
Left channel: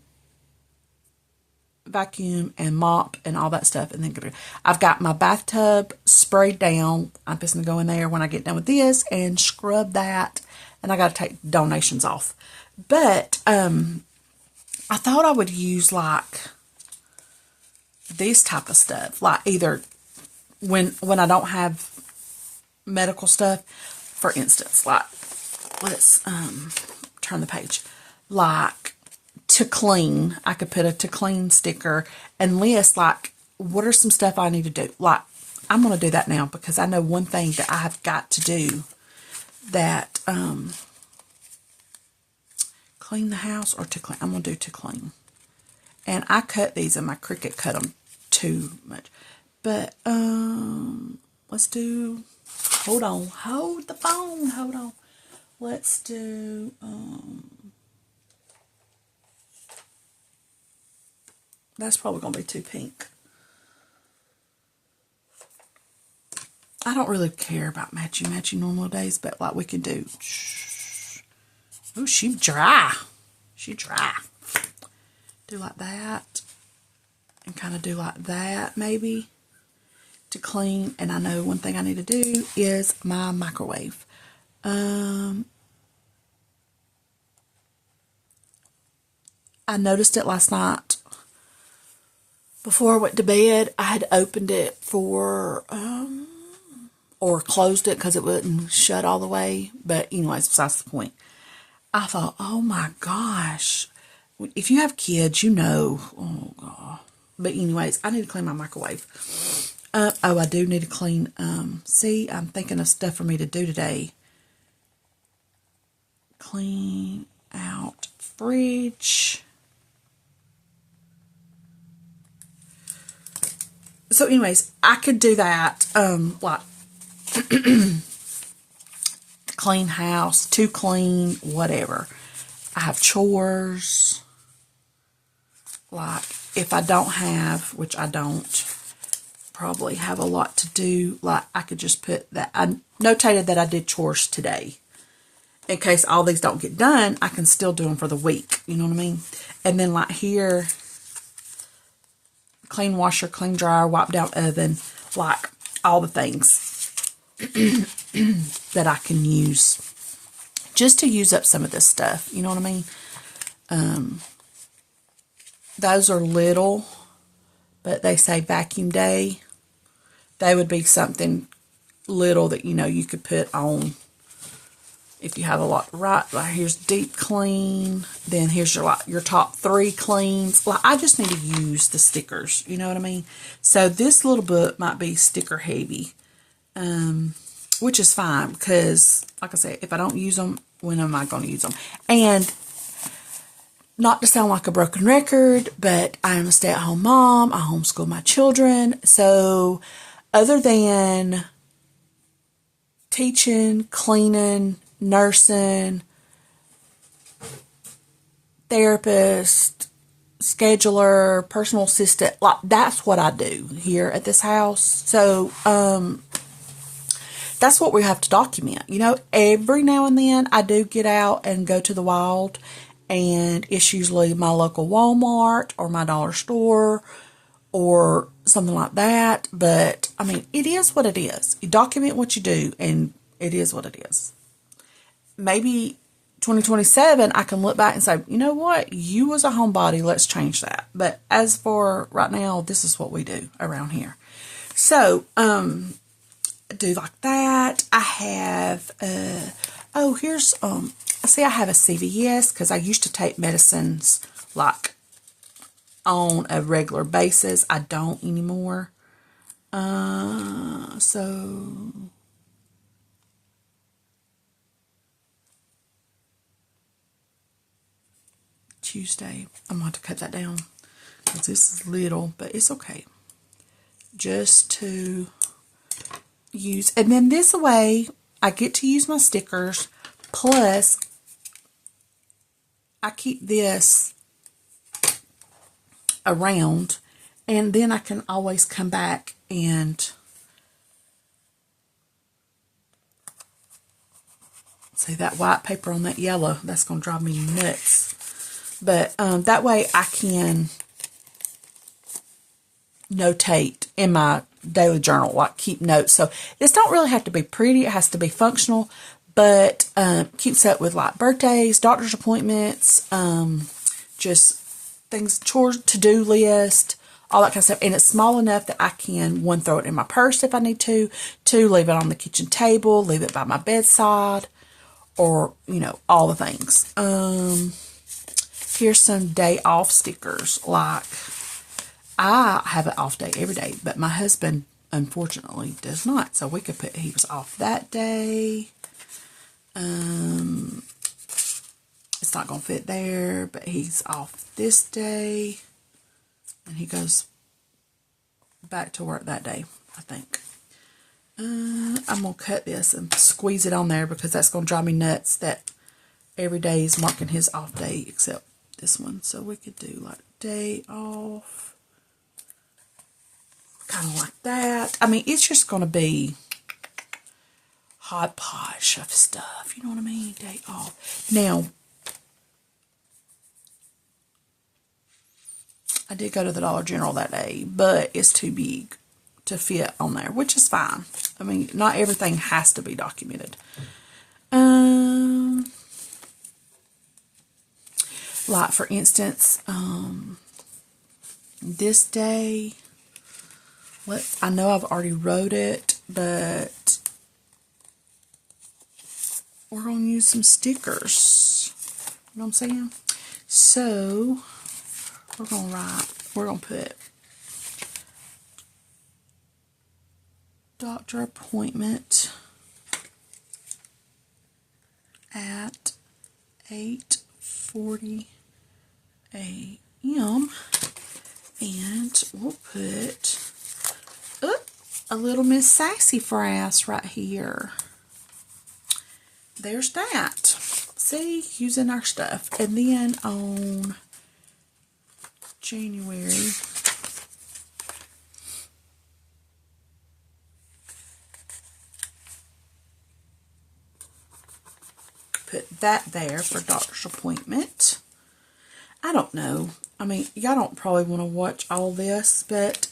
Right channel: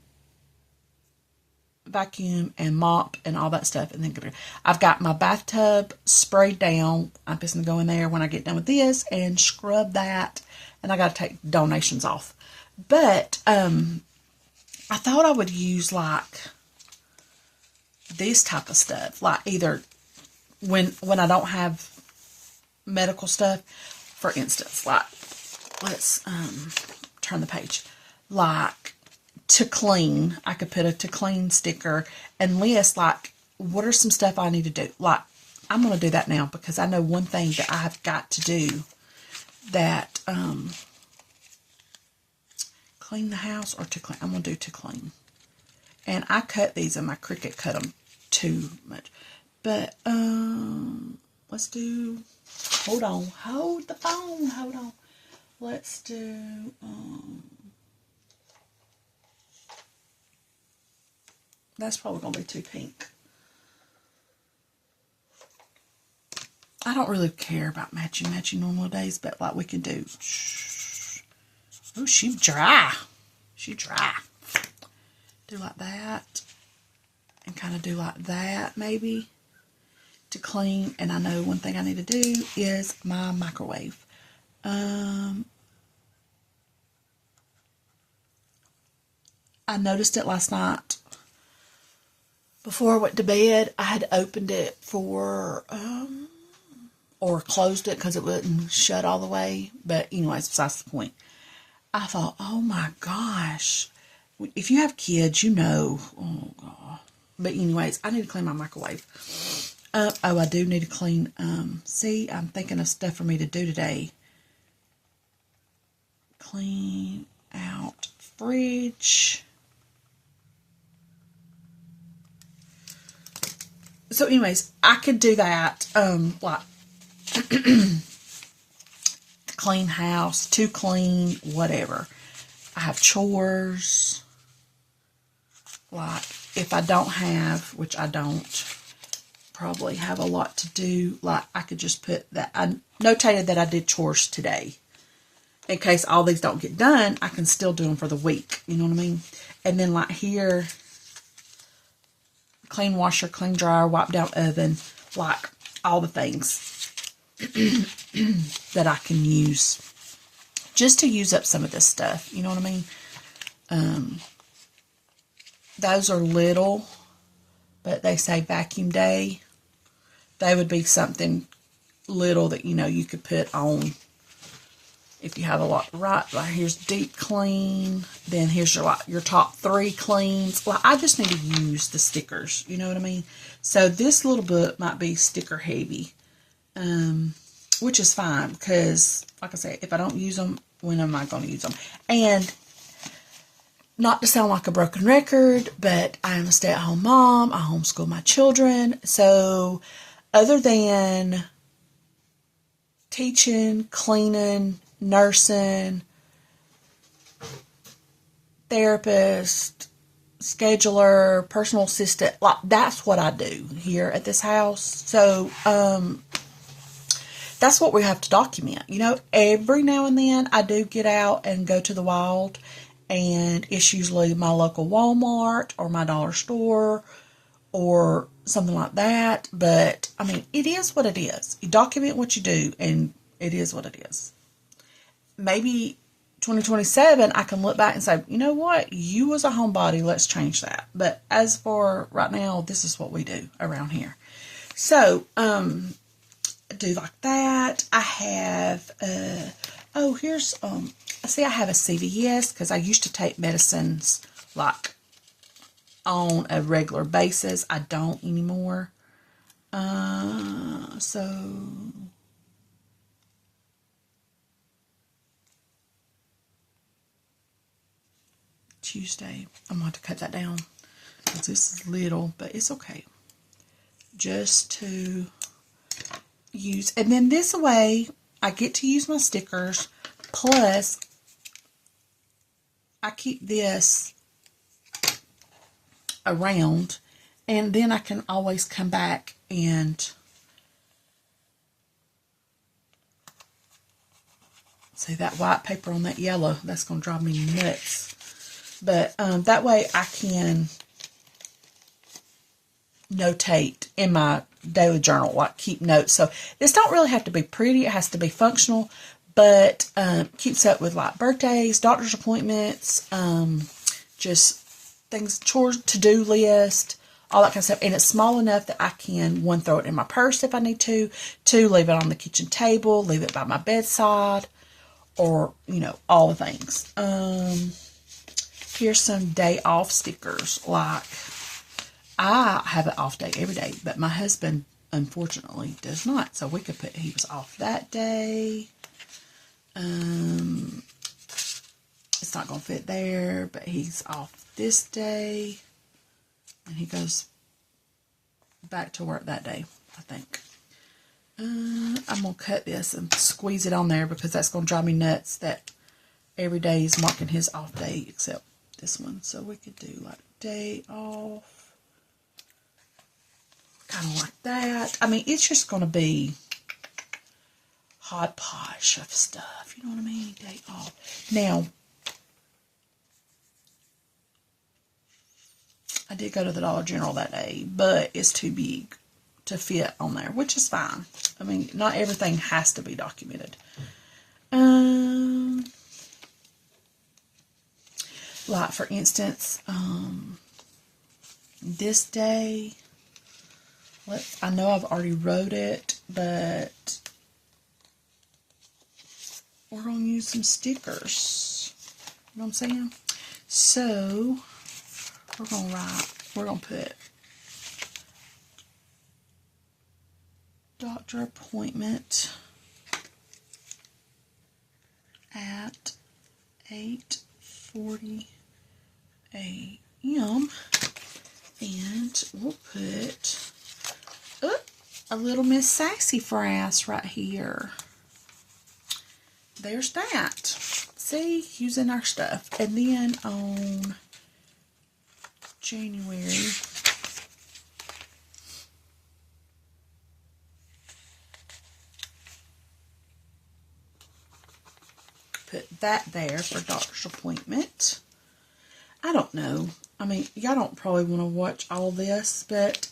vacuum and mop and all that stuff. And then I've got my bathtub sprayed down. I'm just going to go in there when I get done with this and scrub that. And I got to take donations off. But I thought I would use like this type of stuff. Like either when I don't have medical stuff. For instance, like, let's turn the page. Like, to clean, I could put a to clean sticker and list, like, what are some stuff I need to do? Like, I'm going to do that now because I know one thing that I have got to do that, clean the house or to clean. I'm going to do to clean. And I cut these and my Cricut cut them too much. But, let's do... Hold on. Hold the phone. Hold on. Let's do, that's probably going to be too pink. I don't really care about matchy normal days, but like we can do, oh, she dry. She dry. Do like that. And kind of do like that, maybe. To clean, and I know one thing I need to do is my microwave. I noticed it last night before I went to bed. I had opened it for or closed it because it wouldn't shut all the way, but anyways, besides the point. I thought, oh my gosh, if you have kids, you know. Oh god. But anyways, I need to clean my microwave. Oh, I do need to clean, see, I'm thinking of stuff for me to do today. Clean out fridge. So anyways, I could do that, like, clean house, to clean, whatever. I have chores. Like, if I don't have, which I don't, probably have a lot to do. Like, I could just put that. I notated that I did chores today. In case all these don't get done, I can still do them for the week. You know what I mean? And then like here, clean washer, clean dryer, wipe down oven. Like, all the things that I can use. Just to use up some of this stuff. You know what I mean? Those are little, but they say vacuum day. They would be something little that, you know, you could put on if you have a lot. Right here's deep clean. Then here's your top 3 cleans. Like, I just need to use the stickers. You know what I mean? So this little book might be sticker heavy, which is fine because, like I say, if I don't use them, when am I going to use them? And not to sound like a broken record, but I am a stay-at-home mom. I homeschool my children. So other than teaching, cleaning, nursing, therapist, scheduler, personal assistant, like, that's what I do here at this house. So that's what we have to document. You know, every now and then I do get out and go to the wild, and it's usually my local Walmart or my dollar store or something like that. But, I mean, it is what it is. You document what you do, and it is what it is. Maybe 2027, I can look back and say, you know what? You was a homebody. Let's change that. But as for right now, this is what we do around here. So, do like that. I have, here's, see, I have a CVS because I used to take medicines like on a regular basis. I don't anymore. So Tuesday, I'm going to have to cut that down because this is little, but it's okay. Just to use, and then this way I get to use my stickers, plus I keep this around, and then I can always come back and See that white paper on that yellow? That's going to drive me nuts. But that way I can notate in my daily journal, like keep notes. So this don't really have to be pretty. It has to be functional, but keeps up with like birthdays, doctor's appointments, just things, chores, to-do list, all that kind of stuff. And it's small enough that I can, one, throw it in my purse if I need to, two, leave it on the kitchen table, leave it by my bedside, or, you know, all the things. Here's some day off stickers. Like, I have an off day every day, but my husband, unfortunately, does not. So we could put he was off that day. It's not going to fit there, but he's off this day. And he goes back to work that day, I think. I'm going to cut this and squeeze it on there because that's going to drive me nuts that every day is marking his off day except this one. So we could do like day off. Kind of like that. I mean, it's just going to be hodgepodge of stuff. You know what I mean? Day off. Now, I did go to the Dollar General that day, but it's too big to fit on there, which is fine. I mean, not everything has to be documented. Like, for instance, this day, I know I've already wrote it, but we're going to use some stickers. You know what I'm saying? So, we're going to put doctor appointment at 8:40 a.m. and we'll put a little Miss Sassafras right here. There's that. See, using our stuff. And then on January, put that there for doctor's appointment. I don't know. I mean, y'all don't probably want to watch all this, but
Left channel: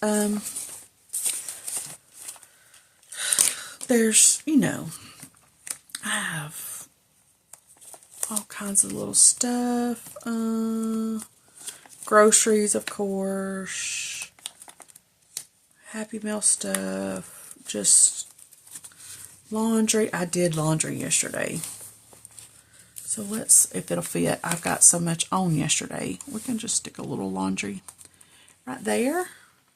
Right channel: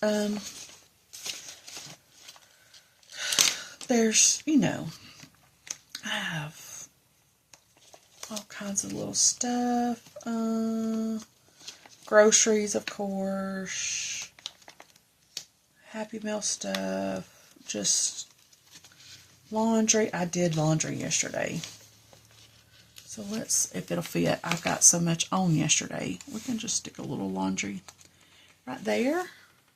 there's, you know, I have all kinds of little stuff. Groceries, of course. Happy Meal stuff. Just laundry. I did laundry yesterday. So let's, if it'll fit, I've got so much on yesterday. We can just stick a little laundry right there.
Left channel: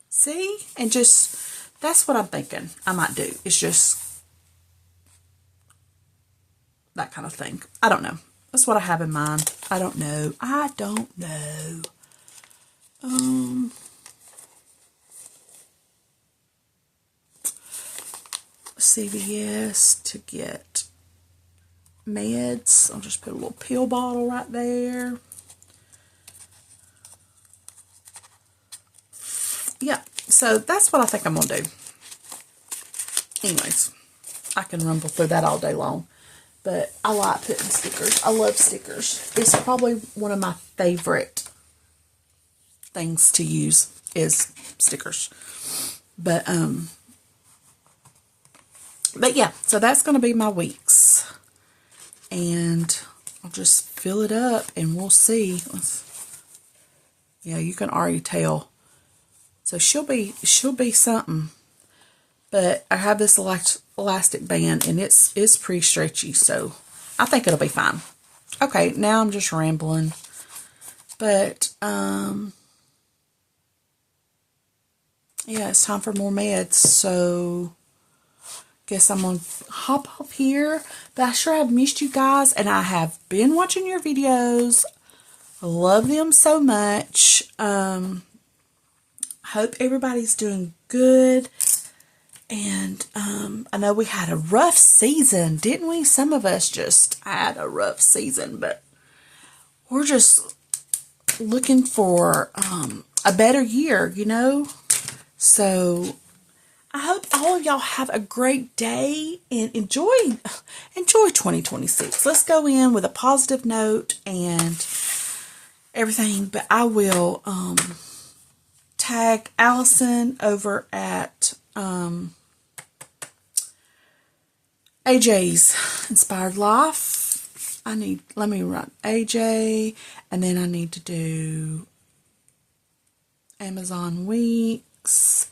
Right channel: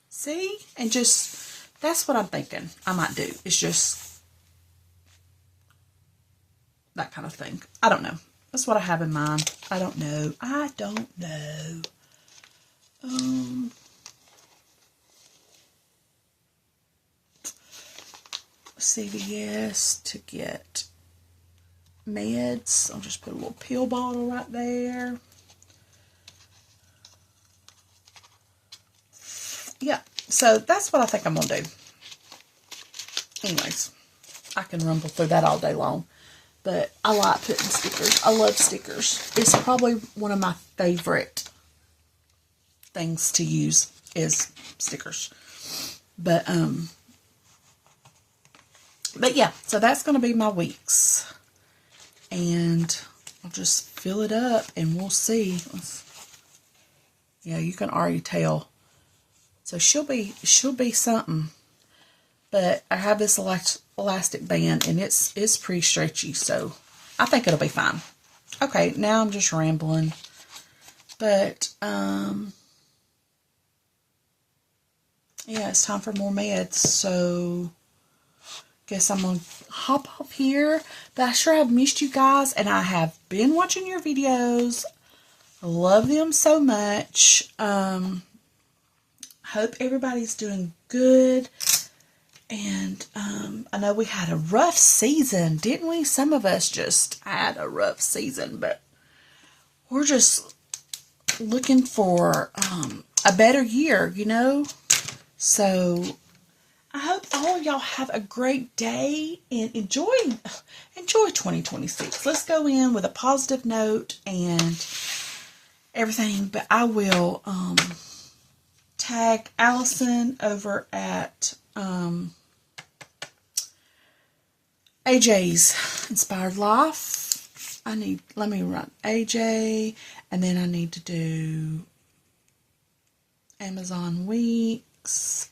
See? And just, that's what I'm thinking I might do. It's just that kind of thing. I don't know. That's what I have in mind. I don't know. I don't know. CVS to get meds. I'll just put a little pill bottle right there. Yeah, so that's what I think I'm going to do. Anyways, I can rumble through that all day long. But I like putting stickers. I love stickers. It's probably one of my favorite things to use is stickers. But yeah, so that's going to be my weeks. And I'll just fill it up and we'll see. Yeah, you can already tell. So she'll be something. But I have this elastic band and it's pretty stretchy, so I think it'll be fine. Okay, now I'm just rambling. But yeah, it's time for more meds. So guess I'm gonna hop up here. But I sure have missed you guys, and I have been watching your videos. I love them so much. Hope everybody's doing good. And I know we had a rough season, didn't we? Some of us just had a rough season, but we're just looking for a better year, you know? So I hope all of y'all have a great day and enjoy 2026. Let's go in with a positive note and everything. But I will tag Allison over at AJ's Inspired Life. Let me run AJ, and then I need to do Amazon Weeks,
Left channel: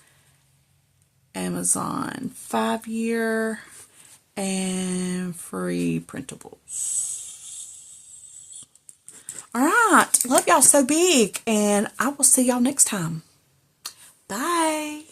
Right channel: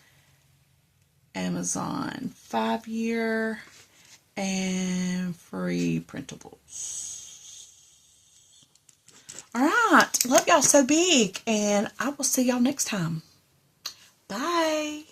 Amazon 5-year, and free printables. All right. Love y'all so big, and I will see y'all next time. Bye.